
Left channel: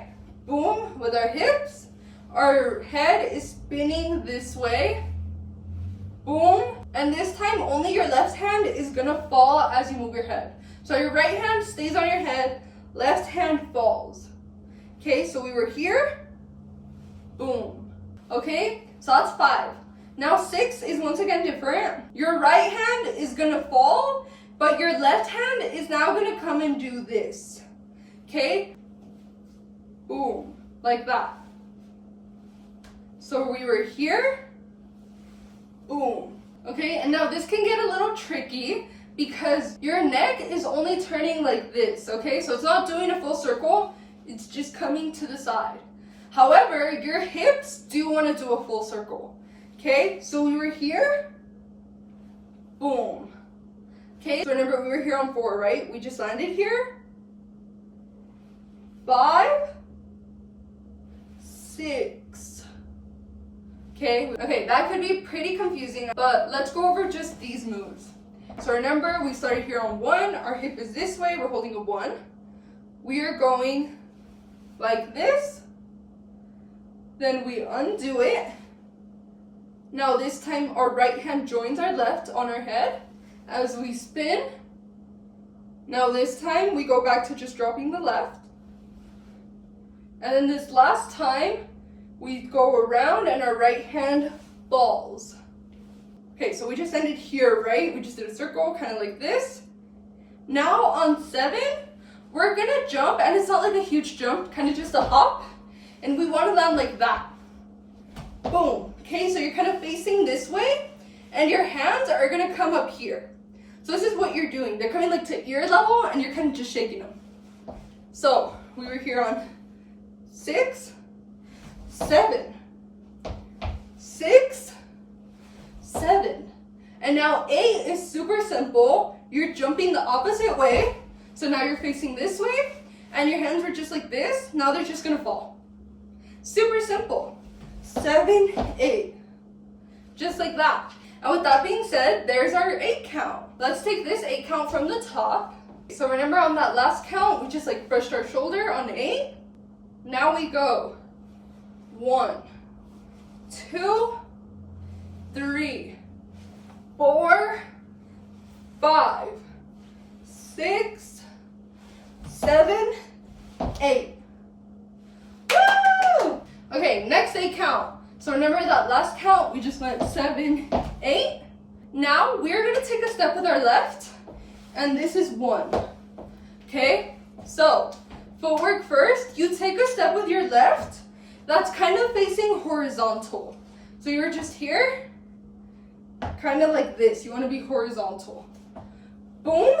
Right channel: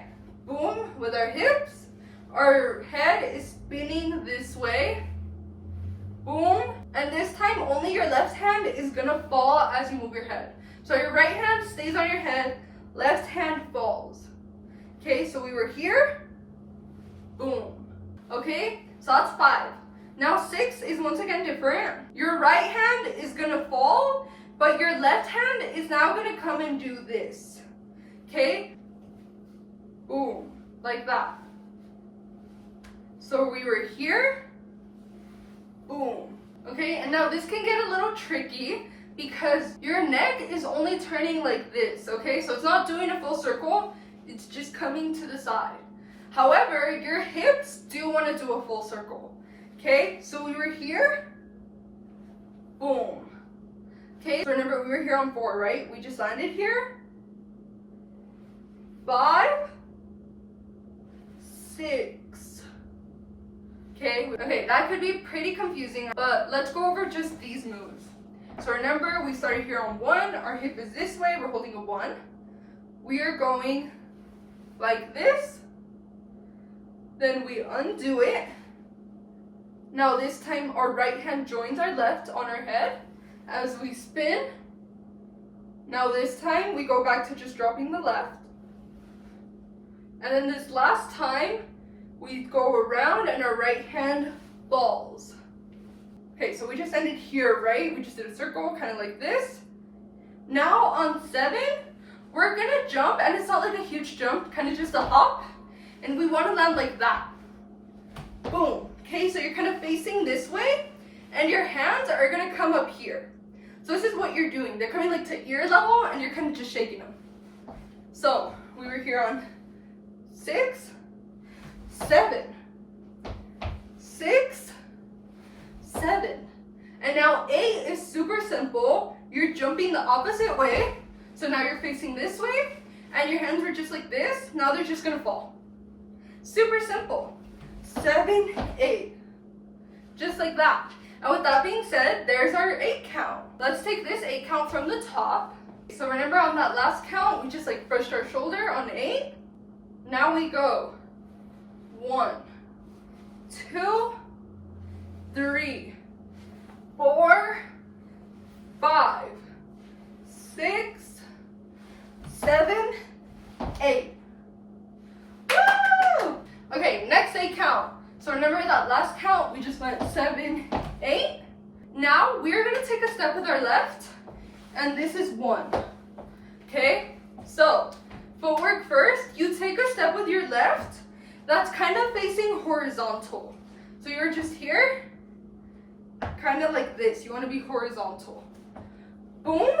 boom, with our hips. Our head is spinning this way, boom. And this time, only your left hand is gonna fall as you move your head. So your right hand stays on your head, left hand falls. Okay, so we were here, boom. Okay, so that's 5. Now 6 is once again different. Your right hand is gonna fall, but your left hand is now gonna come and do this. Okay, boom, like that. So we were here, boom. Okay, and now this can get a little tricky because your neck is only turning like this, okay? So it's not doing a full circle, it's just coming to the side. However, your hips do want to do a full circle, okay? So we were here, boom. Okay, so remember we were here on 4, right? We just landed here. 5, 6. Okay, that could be pretty confusing, but let's go over just these moves. So remember, we started here on 1, our hip is this way, we're holding a 1. We are going like this, then we undo it. Now this time our right hand joins our left on our head as we spin. Now this time we go back to just dropping the left. And then this last time, we go around and our right hand falls. Okay, so we just ended here, right? We just did a circle, kind of like this. Now on 7, we're gonna jump, and it's not like a huge jump, kind of just a hop. And we wanna land like that. Boom. Okay, so you're kind of facing this way, and your hands are gonna come up here. So this is what you're doing. They're coming like to ear level, and you're kind of just shaking them. So we were here on 6, 7, 6, 7. And now 8 is super simple. You're jumping the opposite way. So now you're facing this way, and your hands were just like this. Now they're just gonna fall. Super simple. 7, 8. Just like that. And with that being said, there's our 8 count. Let's take this 8 count from the top. So remember on that last count, we just like brushed our shoulder on 8. Now we go 1, 2, 3, 4, 5, 6, 7, 8. Woo! Okay, next 8 count. So remember that last count, we just went 7, 8. Now we're gonna take a step with our left, and this is 1. Okay, so footwork first, you take a step with your left that's kind of facing horizontal. So you're just here, kind of like this. You want to be horizontal. Boom.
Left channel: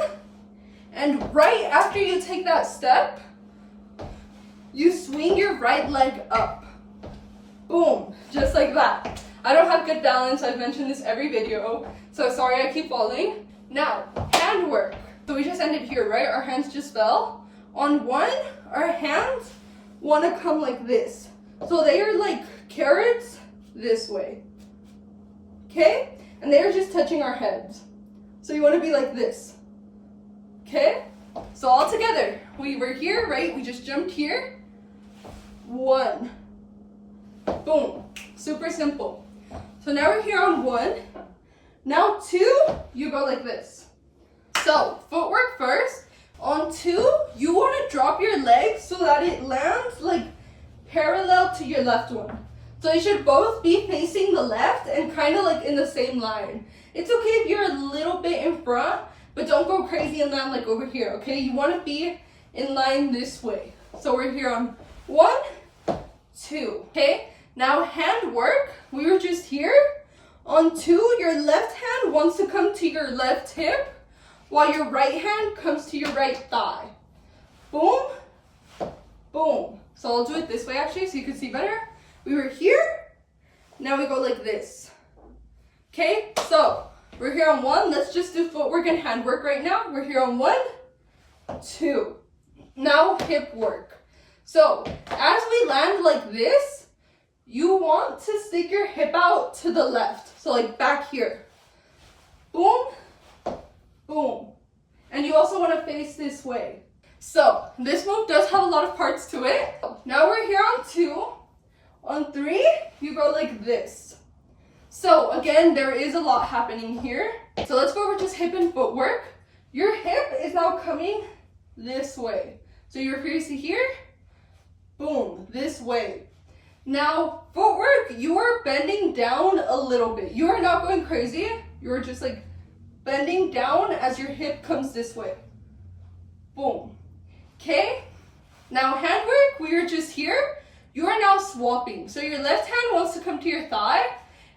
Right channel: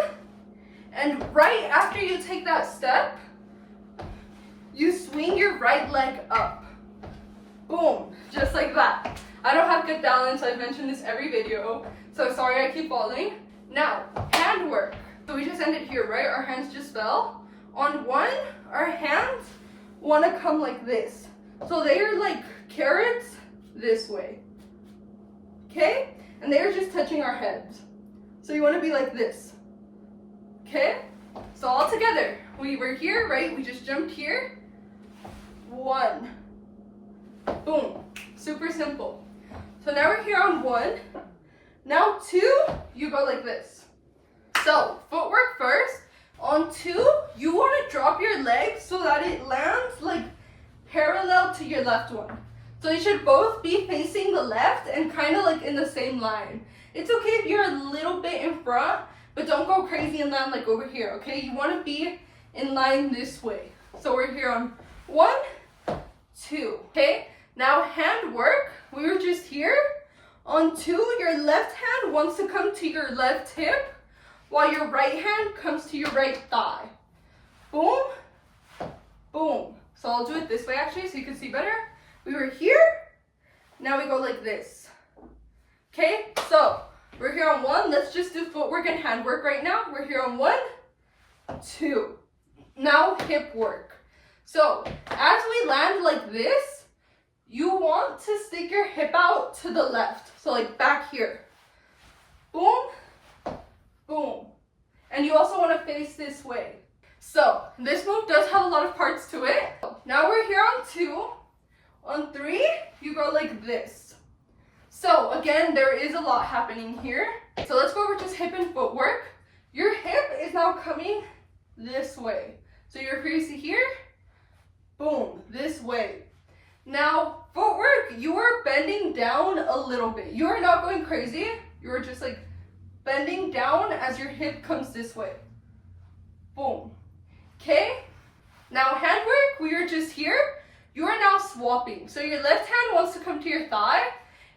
And right after you take that step, you swing your right leg up. Boom. Just like that. I don't have good balance. I've mentioned this every video. So sorry I keep falling. Now, hand work. So we just ended here, right? Our hands just fell. On 1, our hands want to come like this. So they are like carrots this way. Okay? And they are just touching our heads. So you want to be like this. Okay? So all together, we were here, right? We just jumped here. 1. Boom. Super simple. So now we're here on 1. Now 2, you go like this. So footwork first. On 2, you want to drop your legs so that it lands like parallel to your left one. So they should both be facing the left and kind of like in the same line. It's okay if you're a little bit in front, but don't go crazy and land like over here, okay? You want to be in line this way. So we're here on 1, 2, okay? Now hand work, we were just here. On 2, your left hand wants to come to your left hip, while your right hand comes to your right thigh. boom, boom. So I'll do it this way actually so you can see better. We were here, now we go like this. Okay, so we're here on 1. Let's just do footwork and handwork right now. We're here on 1, 2. Now hip work. So as we land like this, you want to stick your hip out to the left. So like back here. Boom, boom. And you also want to face this way. So this move does have a lot of parts to it. Now we're here on 2. On 3, you go like this. So again, there is a lot happening here. So let's go over just hip and footwork. Your hip is now coming this way. So you're facing here, boom, this way. Now footwork, you are bending down a little bit. You are not going crazy. You are just like bending down as your hip comes this way. Boom. Okay? Now handwork, we are just here. You are now swapping. So your left hand wants to come to your thigh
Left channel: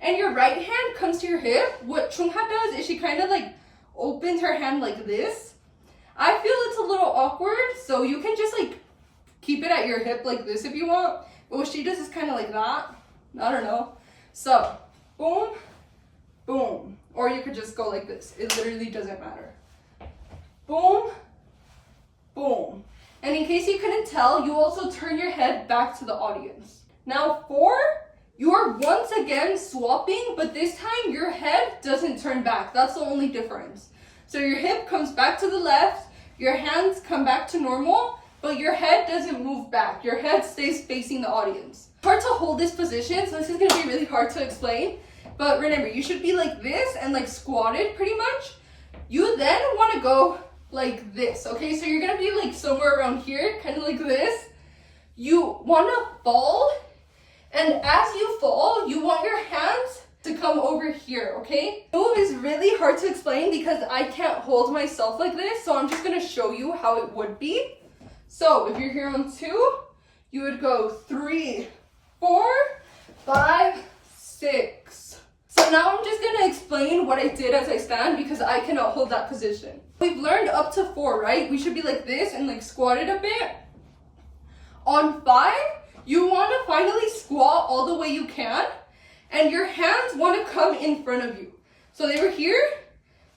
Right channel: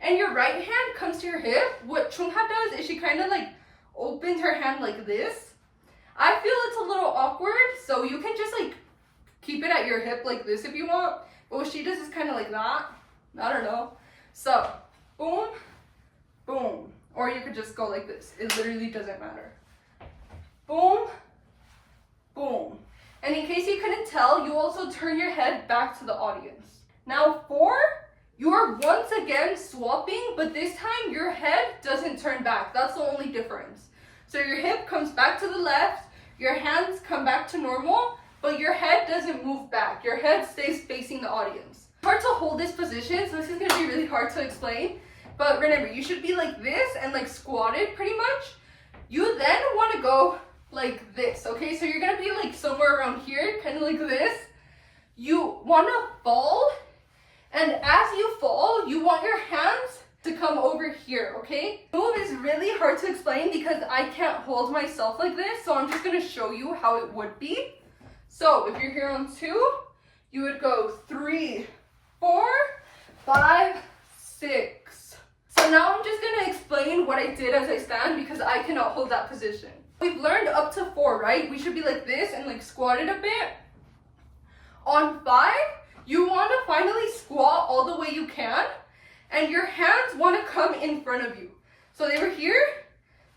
and your right hand comes to your hip. What Chung Ha does is she kind of like opens her hand like this. I feel it's a little awkward, so you can just like keep it at your hip like this if you want. But what she does is kind of like that. I don't know. So boom, boom. Or you could just go like this. It literally doesn't matter. Boom, boom. And in case you couldn't tell, you also turn your head back to the audience. Now 4, you are once again swapping, but this time your head doesn't turn back. That's the only difference. So your hip comes back to the left, your hands come back to normal, but your head doesn't move back. Your head stays facing the audience. It's hard to hold this position, so this is gonna be really hard to explain. But remember, you should be like this and like squatted pretty much. You then wanna go like this, okay? So you're gonna be like somewhere around here, kind of like this. You wanna fall, and as you fall, you want your hands to come over here, okay? The move is really hard to explain because I can't hold myself like this, so I'm just gonna show you how it would be. So if you're here on 2, you would go 3, 4, 5, 6. So now I'm just gonna explain what I did as I stand because I cannot hold that position. We've learned up to 4, right? We should be like this and like squatted a bit. On 5, you wanna finally squat all the way you can. And your hands want to come in front of you. So they were here,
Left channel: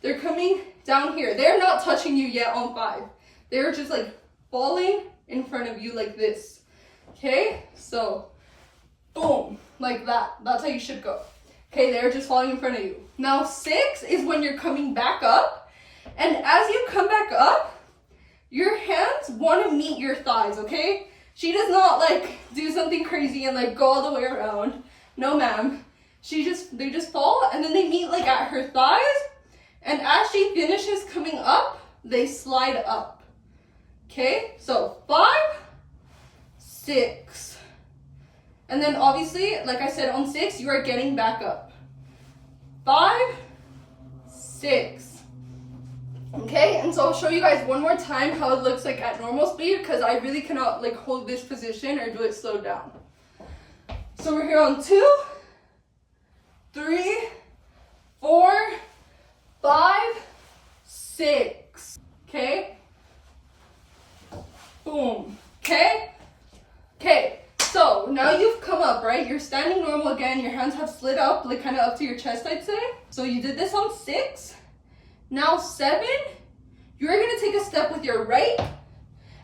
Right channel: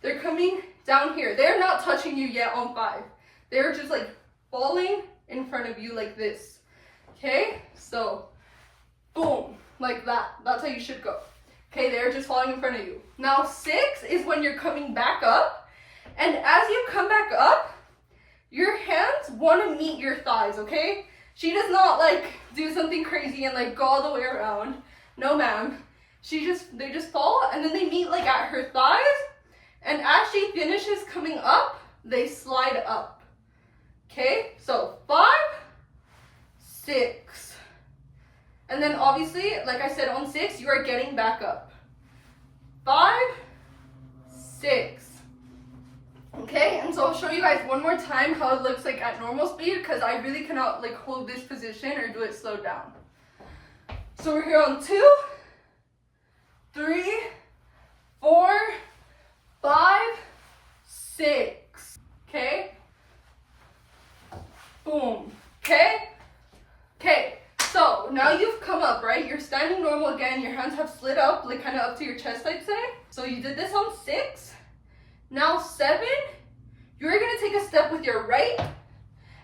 they're coming down here. They're not touching you yet on 5. They're just like falling in front of you like this. Okay, so boom, like that. That's how you should go. Okay, they're just falling in front of you. Now 6 is when you're coming back up. And as you come back up, your hands want to meet your thighs, okay? She does not like do something crazy and like go all the way around. No, ma'am. They just fall and then they meet like at her thighs. And as she finishes coming up, they slide up. Okay, so 5, 6. And then obviously, like I said, on 6, you are getting back up. 5, 6. Okay, and so I'll show you guys one more time how it looks like at normal speed because I really cannot like hold this position or do it slowed down. So we're here on 2, 3, 4, 5, 6. Okay? Boom. Okay? Okay. So now you've come up, right? You're standing normal again. Your hands have slid up, like kind of up to your chest, I'd say. So you did this on 6. Now 7, you're going to take a step with your right.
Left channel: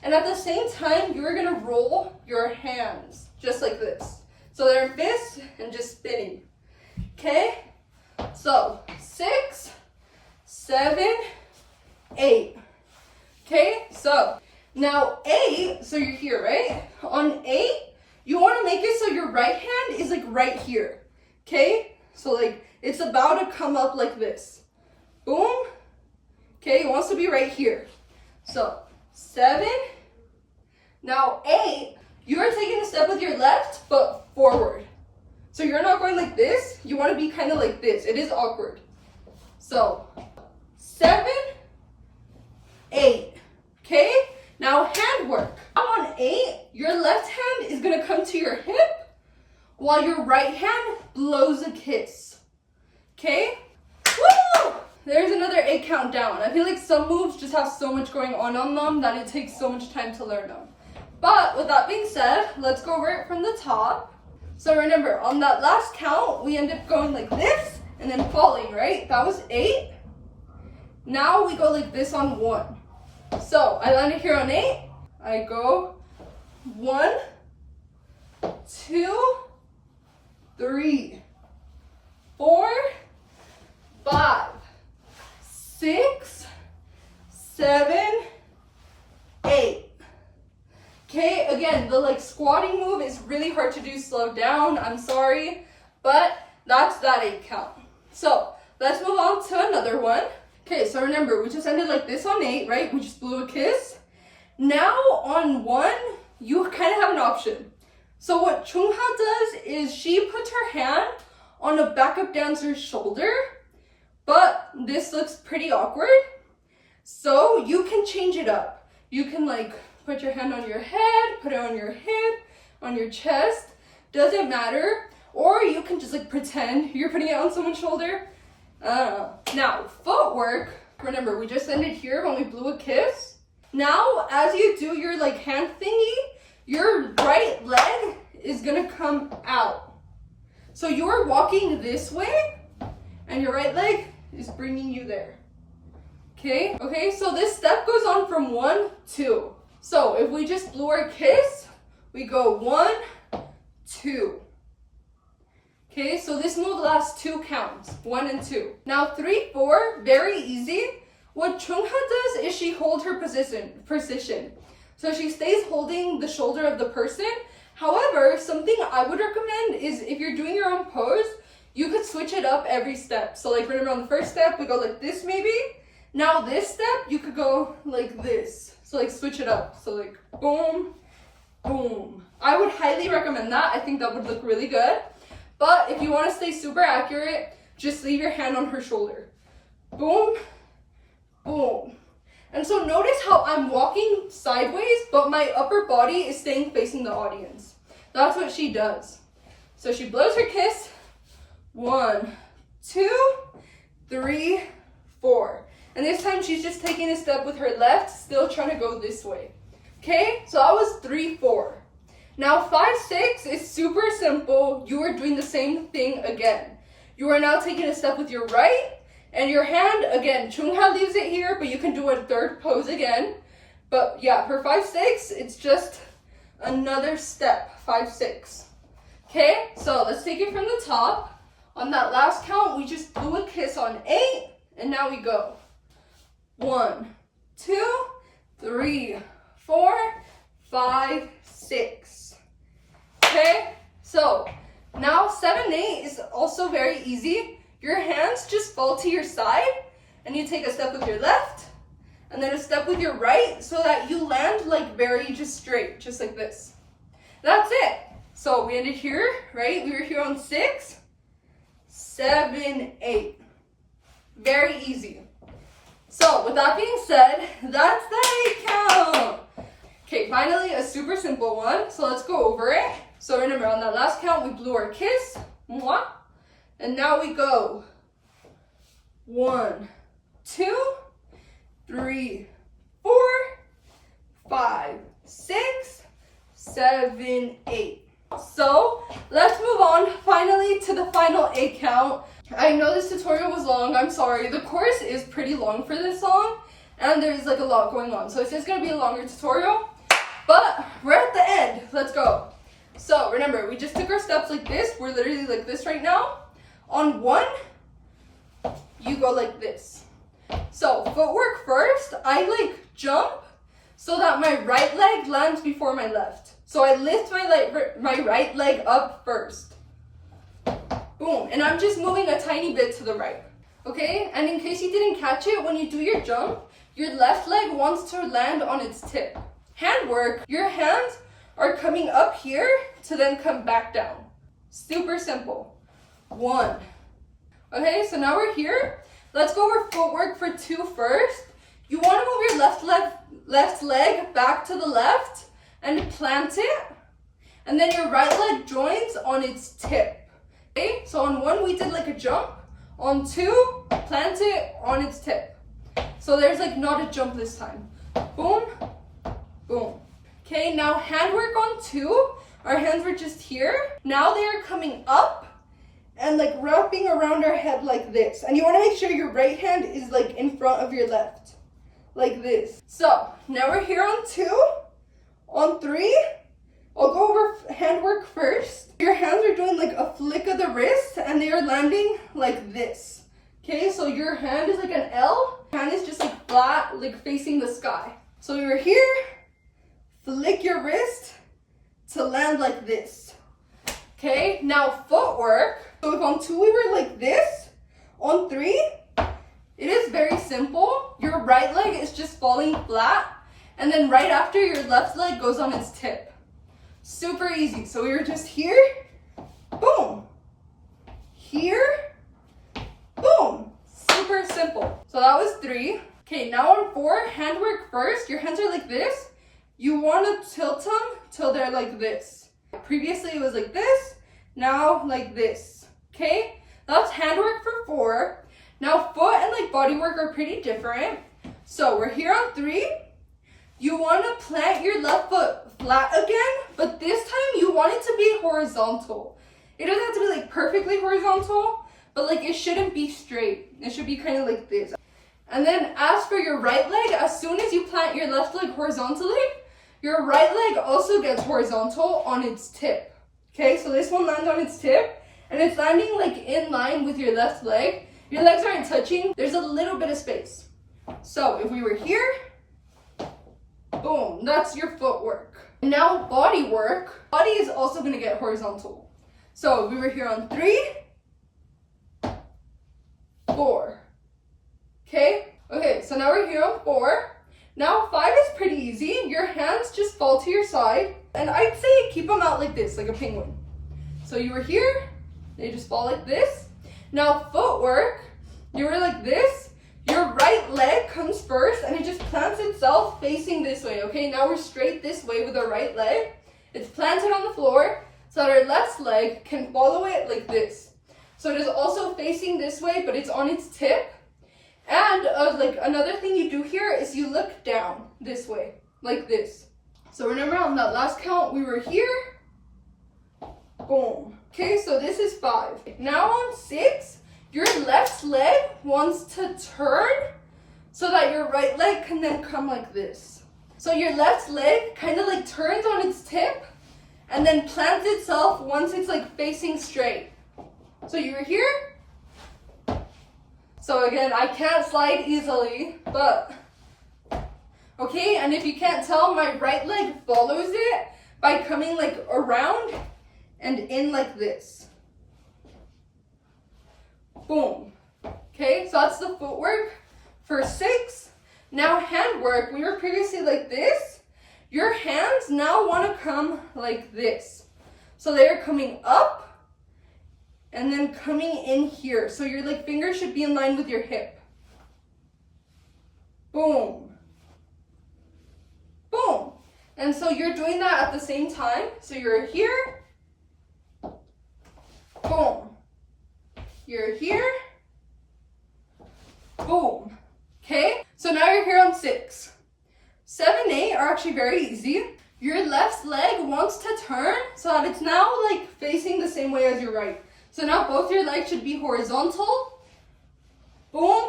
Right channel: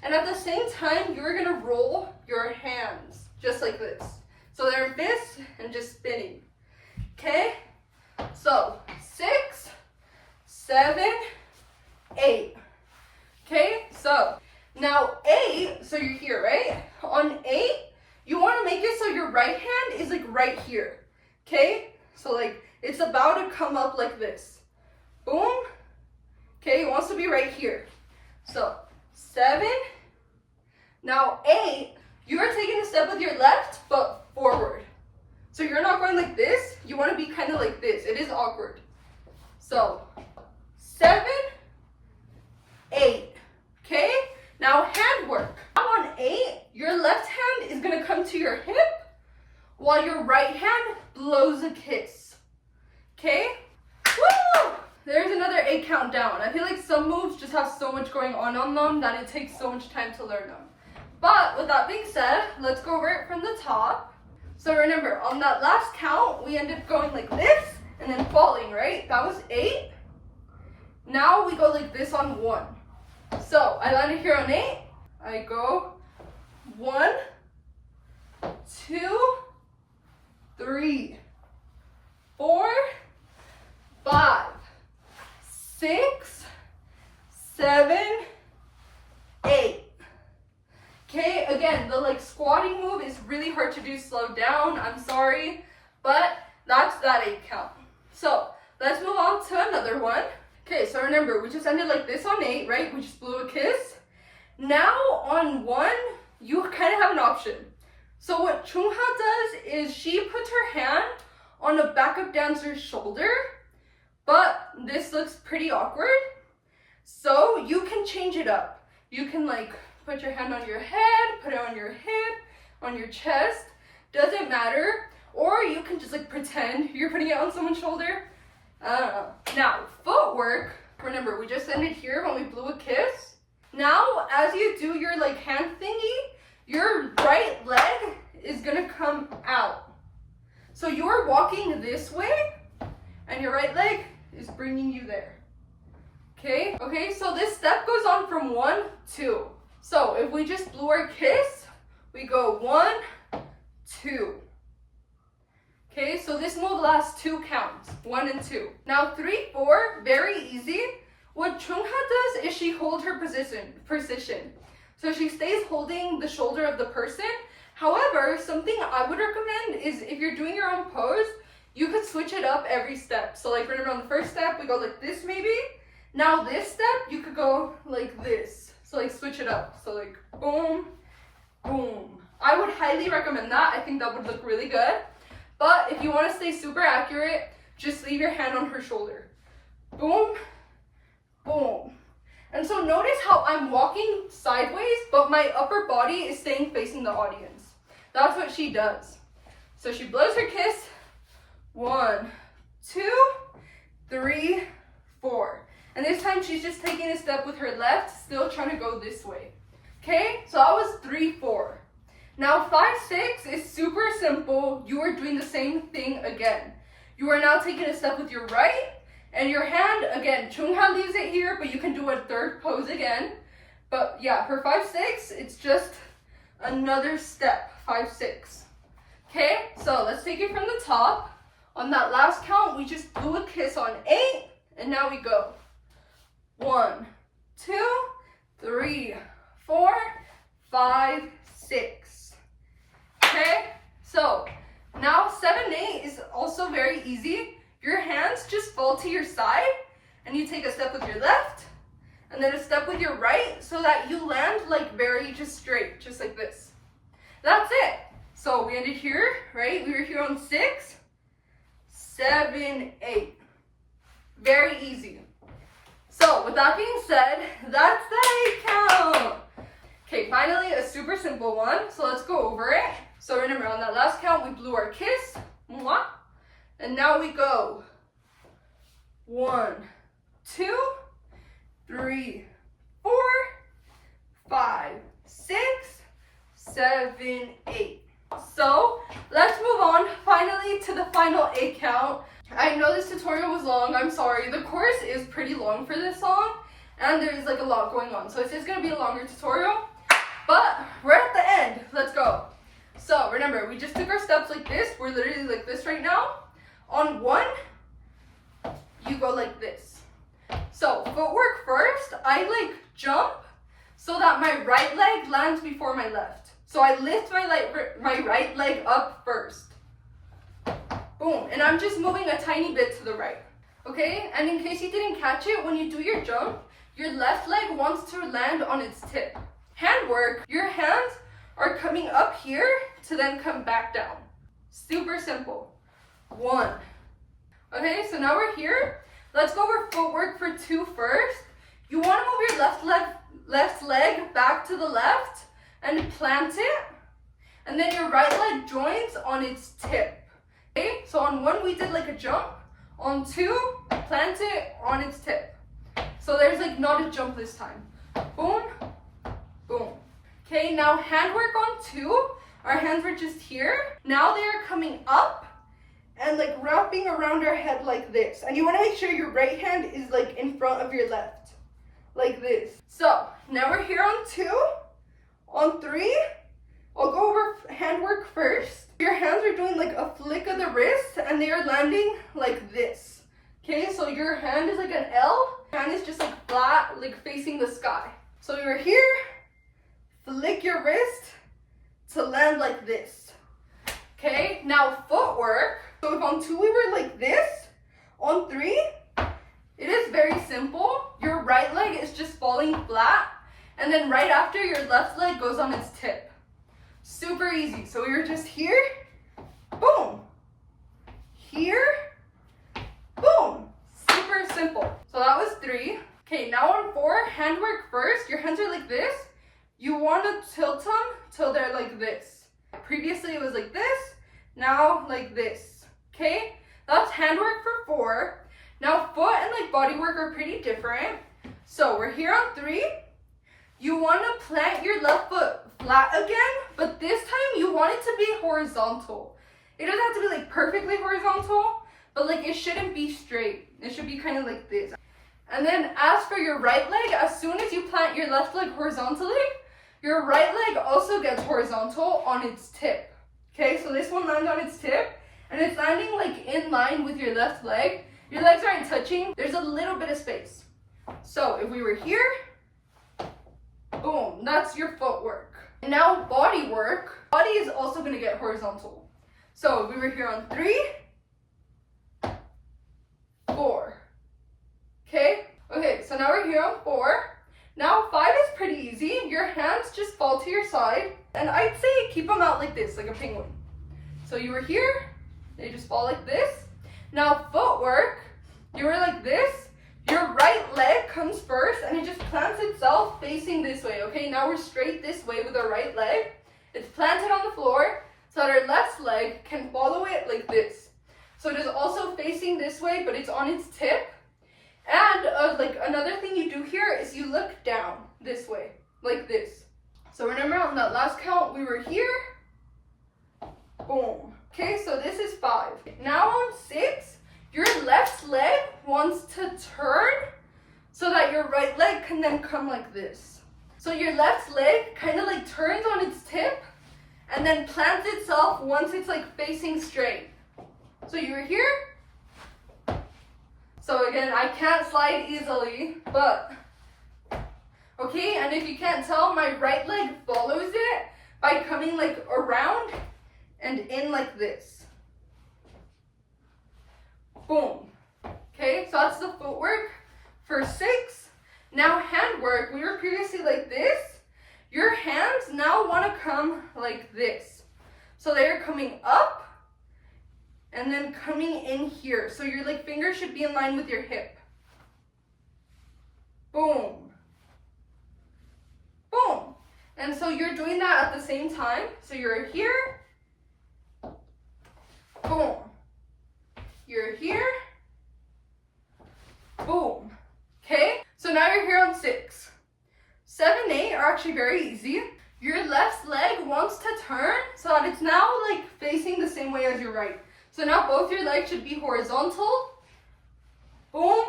And at the same time, you're going to roll your hands just like this. So they're fists and just spinning. Okay? So 6, 7, 8. Okay? So now 8, so you're here, right? On 8, you want to make it so your right hand is like right here. Okay? So like it's about to come up like this. Boom. Okay, it wants to be right here. So 7. Now 8, you're taking a step with your left, but forward. So you're not going like this. You want to be kind of like this. It is awkward. So 7, 8. Okay? Now handwork. On 8, your left hand is going to come to your hip while your right hand blows a kiss. Okay? Woo! there's another 8 count down. I feel like some moves just have so much going on them that it takes so much time to learn them. But with that being said, let's go over it from the top. So remember, on that last count, we ended up going like this and then falling, right? That was 8. Now we go like this on 1. So I landed here on 8. I go 1, 2, 3, 4, 5, 6, 7, 8. Okay, again, the like squatting move is really hard to do slow down. I'm sorry, but that's that 8 count. So let's move on to another one. Okay, so remember, we just ended like this on 8, right? We just blew a kiss. Now on 1, you kind of have an option. So what Chung Ha does is she puts her hand on the backup dancer's shoulder, but this looks pretty awkward. So you can change it up. You can like put your hand on your head, put it on your hip, on your chest, doesn't matter. Or you can just like pretend you're putting it on someone's shoulder. Now, footwork, remember we just ended here when we blew a kiss. Now, as you do your like hand thingy, your right leg is gonna come out. So you're walking this way and your right leg is bringing you there. Okay, so this step goes on from 1, 2. So if we just blew our kiss, we go 1, 2. Okay, so this move lasts 2 counts, 1 and 2. Now 3, 4, very easy. What Chung Ha does is she holds her position. So she stays holding the shoulder of the person. However, something I would recommend is if you're doing your own pose, you could switch it up every step. So like remember on the first step, we go like this maybe. Now this step, you could go like this. So like switch it up. So like boom, boom. I would highly recommend that. I think that would look really good. But if you want to stay super accurate, just leave your hand on her shoulder. Boom, boom. And so notice how I'm walking sideways, but my upper body is staying facing the audience. That's what she does. So she blows her kiss. 1, 2, 3, 4. And this time she's just taking a step with her left, still trying to go this way. Okay, so that was 3, 4. Now 5, 6 is super simple. You are doing the same thing again. You are now taking a step with your right and your hand, again, Chung Ha leaves it here, but you can do a third pose again. But yeah, for 5, 6, it's just another step, 5, 6. Okay, so let's take it from the top. On that last count, we just blew a kiss on 8, and now we go. 1, 2, 3, 4, 5, 6. Okay, so now 7, 8 is also very easy. Your hands just fall to your side and you take a step with your left and then a step with your right so that you land like very just straight, just like this. That's it. So we ended here, right? We were here on 6, 7, 8. Very easy. So with that being said, that's the 8 count. Okay, finally a super simple one. So let's go over it. So remember, on that last count, we blew our kiss. Mwah. And now we go 1, 2, 3, 4, 5, 6, 7, 8. So let's move on finally to the final 8 count. I know this tutorial was long, I'm sorry. The chorus is pretty long for this song and there's like a lot going on. So it's just gonna be a longer tutorial, but we're at the end. Let's go. So remember, we just took our steps like this. We're literally like this right now. On 1, you go like this. So footwork first, I like jump so that my right leg lands before my left. So I lift my right leg up first. Boom, and I'm just moving a tiny bit to the right. Okay, and in case you didn't catch it, when you do your jump, your left leg wants to land on its tip. Handwork, your hands are coming up here to then come back down. Super simple. 1. Okay, so now we're here. Let's go over footwork for 2 first. You want to move your left leg back to the left and plant it. And then your right leg joins on its tip. Okay, so on 1 we did like a jump. On 2, plant it on its tip. So there's like not a jump this time. Boom, boom. Okay, now handwork on 2. Our hands were just here. Now they are coming up and like wrapping around our head like this. And you want to make sure your right hand is like in front of your left, like this. So now we're here on 2, on 3. I'll go over handwork first. Your hands are doing like a flick of the wrist and they are landing like this. Okay, so your hand is like an L. Hand is just like flat, like facing the sky. So you're here, flick your wrist to land like this. Okay, now footwork. So if on 2 we were like this, on 3, it is very simple. Your right leg is just falling flat, and then right after your left leg goes on its tip. Super easy. So we were just here, boom, here, boom. Super simple. So that was 3. Okay, now on 4, handwork first. Your hands are like this. You want to tilt them till they're like this. Previously it was like this, now like this. Okay, that's handwork for 4. Now foot and like body work are pretty different. So we're here on 3. You want to plant your left foot flat again, but this time you want it to be horizontal. It doesn't have to be like perfectly horizontal, but like it shouldn't be straight. It should be kind of like this. And then as for your right leg, as soon as you plant your left leg horizontally, your right leg also gets horizontal on its tip. Okay, so this one lands on its tip and it's landing like in line with your left leg. Your legs aren't touching. There's a little bit of space. So if we were here, boom, that's your footwork. Now body work. Body is also going to get horizontal. So we were here on 3, 4. Okay, so now we're here on 4. Now 5 is pretty easy. Your hands just fall to your side. And I'd say keep them out like this, like a penguin. So you were here, they just fall like this. Now footwork, you were like this. Your right leg comes first and it just plants itself facing this way, okay? Now we're straight this way with our right leg. It's planted on the floor so that our left leg can follow it like this. So it is also facing this way, but it's on its tip. And like another thing you do here is you look down this way, like this. So remember on that last count, we were here, boom. Okay, so this is 5. Now on 6, your left leg wants to turn so that your right leg can then come like this. So your left leg kind of like turns on its tip and then plants itself once it's like facing straight. So you were here. So again, I can't slide easily, but okay, and if you can't tell, my right leg follows it by coming like around and in like this. Boom. Okay, so that's the footwork for 6. Now handwork, we were previously like this. Your hands now want to come like this. So they're coming up and then coming in here. So your like fingers should be in line with your hip. Boom. Boom. And so you're doing that at the same time. So you're here. Boom. You're here. Boom. Okay, so now you're here on 6. 7, 8 are actually very easy. Your left leg wants to turn so that it's now like facing the same way as your right. So now both your legs should be horizontal. Boom.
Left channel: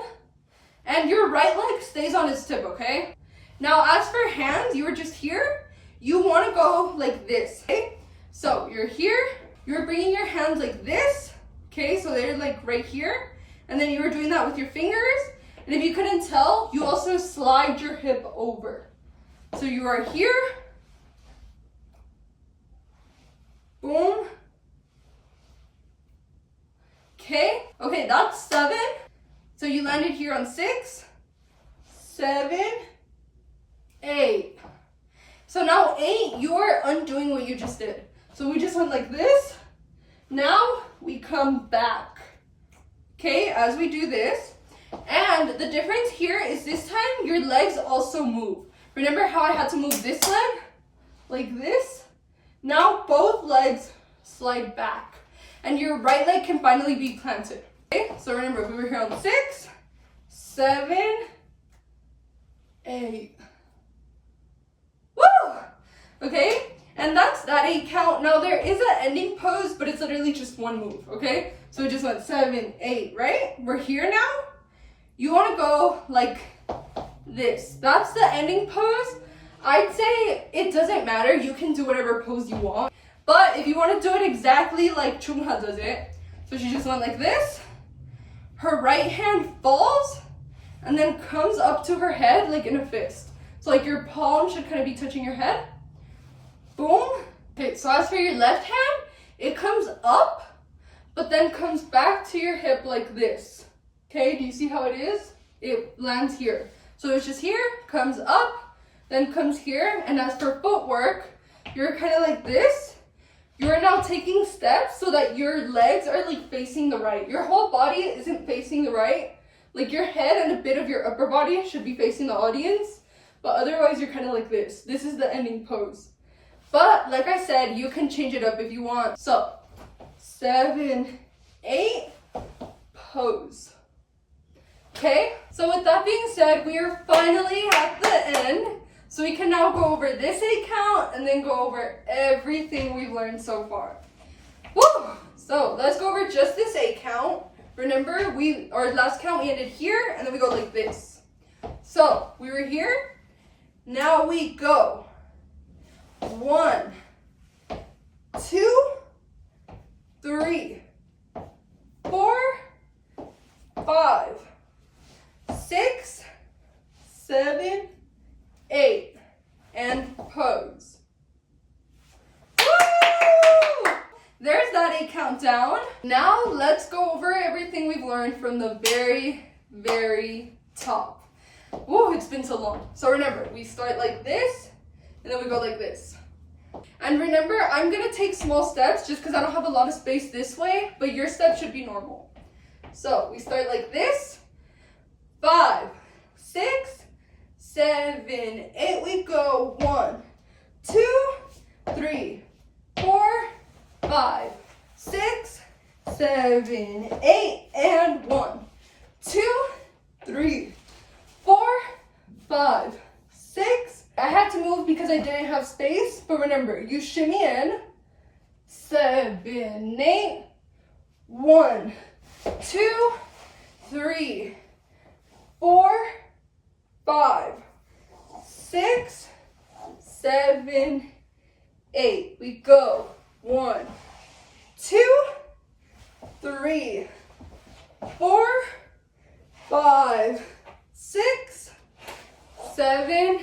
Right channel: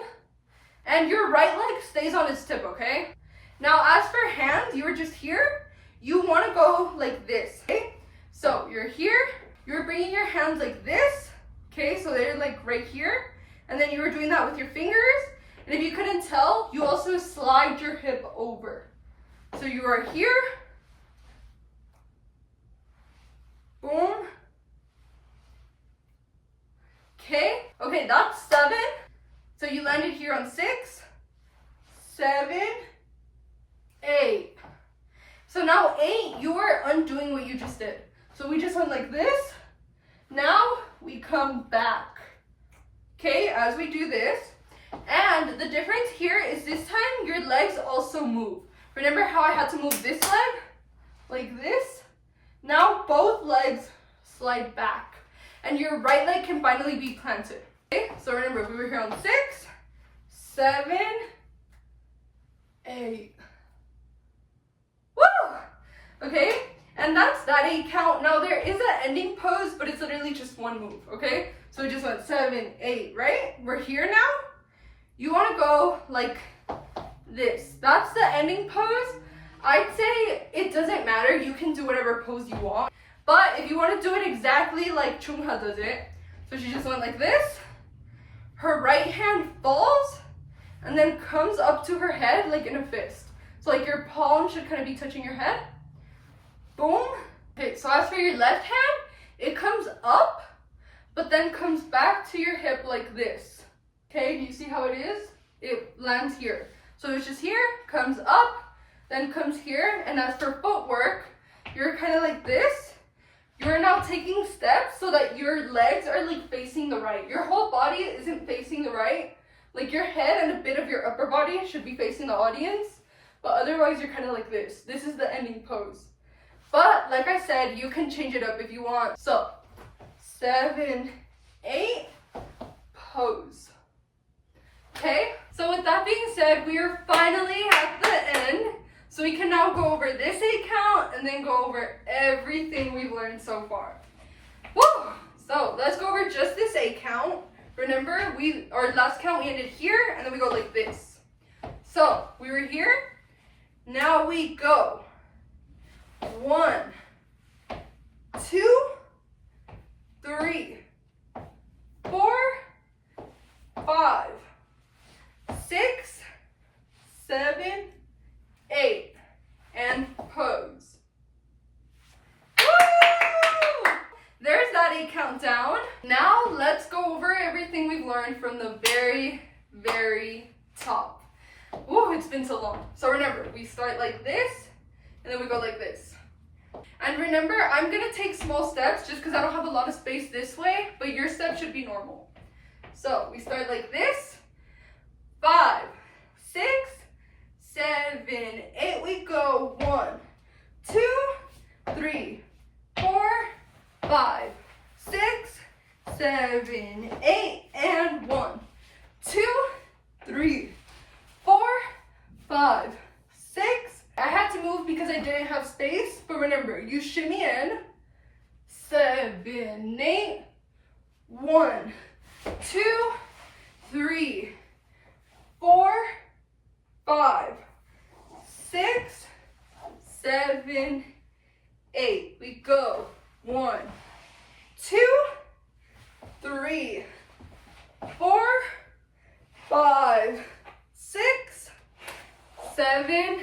And your right leg stays on its tip, okay? Now as for hands, you were just here. You want to go like this, okay? So you're here. You're bringing your hands like this, okay? So they're like right here. And then you were doing that with your fingers. And if you couldn't tell, you also slide your hip over. So you are here. Boom. Okay, that's 7. So you landed here on 6, 7, 8. So now 8, you're undoing what you just did. So we just went like this. Now we come back. Okay, as we do this. And the difference here is this time your legs also move. Remember how I had to move this leg? Like this? Now both legs slide back. And your right leg can finally be planted. Okay, so remember we were here on 6, 7, 8. Woo! Okay, and that's that 8 count. Now there is an ending pose, but it's literally just one move, okay? So we just went 7, 8, right? We're here now. You want to go like this. That's the ending pose. I'd say it doesn't matter. You can do whatever pose you want. But if you want to do it exactly like Chung Ha does it, so she just went like this. Her right hand falls and then comes up to her head like in a fist. So like your palm should kind of be touching your head. Boom. Okay, so as for your left hand, it comes up, but then comes back to your hip like this. Okay, do you see how it is? It lands here. So it's just here, comes up, then comes here. And as for footwork, you're kind of like this. You're now taking steps so that your legs are like facing the right. Your whole body isn't facing the right. Like your head and a bit of your upper body should be facing the audience. But otherwise you're kind of like this. This is the ending pose. But like I said, you can change it up if you want. So 7, 8, pose. Okay, so with that being said, we are finally at the end. So we can now go over this 8 count and then go over everything we've learned so far. Woo! So let's go over just this 8 count. Remember, our last count we ended here and then we go like this. So we were here. Now we go 1, 2, 3, 4, 5, 6, 7, 8, and pose. Woo! There's that 8 countdown. Now let's go over everything we've learned from the very, very top. Whoa, it's been so long. So remember, we start like this, and then we go like this. And remember, I'm gonna take small steps just because I don't have a lot of space this way, but your steps should be normal. So we start like this. 5, 6, 7, 8. We go 1, 2, 3, 4, 5, 6, 7, 8, and 1, 2, 3, 4, 5, 6. I had to move because I didn't have space, but remember, you shimmy in. 7, 8, 1, 2, 3, 4, 5, 6, 7, 8. We go 1, 2, 3, 4, 5, 6, 7,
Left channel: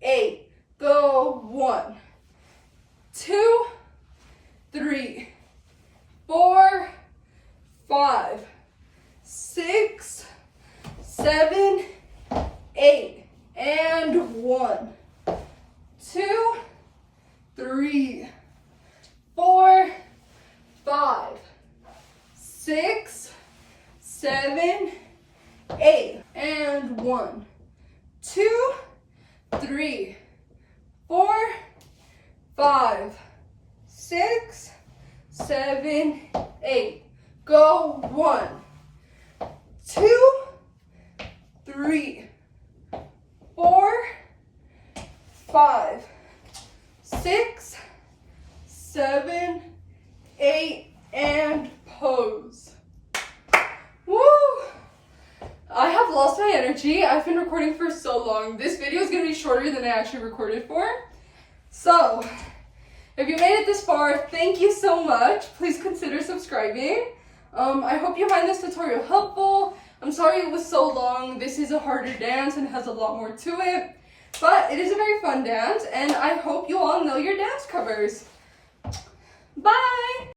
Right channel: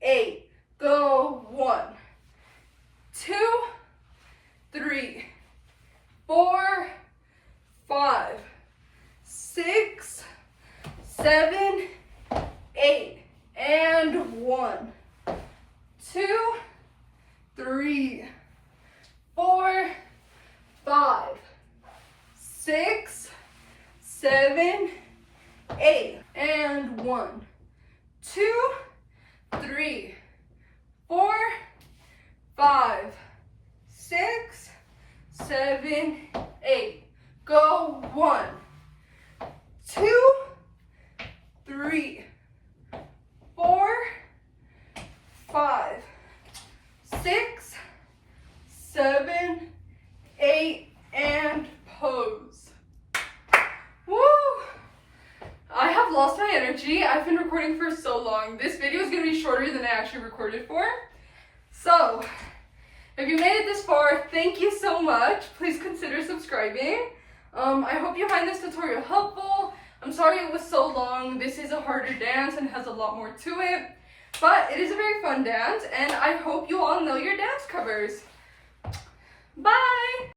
8. Go 1, 2, 3, 4, 5, 6, 7, 8, and 1, 2, 3, 4, 5, 6, 7, 8, and 1, 2, 3, 4, 5, 6, 7, 8. Go 1, 2, 3, 4, 5, 6, 7, 8, and pose. Woo! I have lost my energy. I've been recording for so long. This video is going to be shorter than I actually recorded for. So, if you made it this far, thank you so much. Please consider subscribing. I hope you find this tutorial helpful. I'm sorry it was so long. This is a harder dance and has a lot more to it. But it is a very fun dance, and I hope you all know your dance covers. Bye!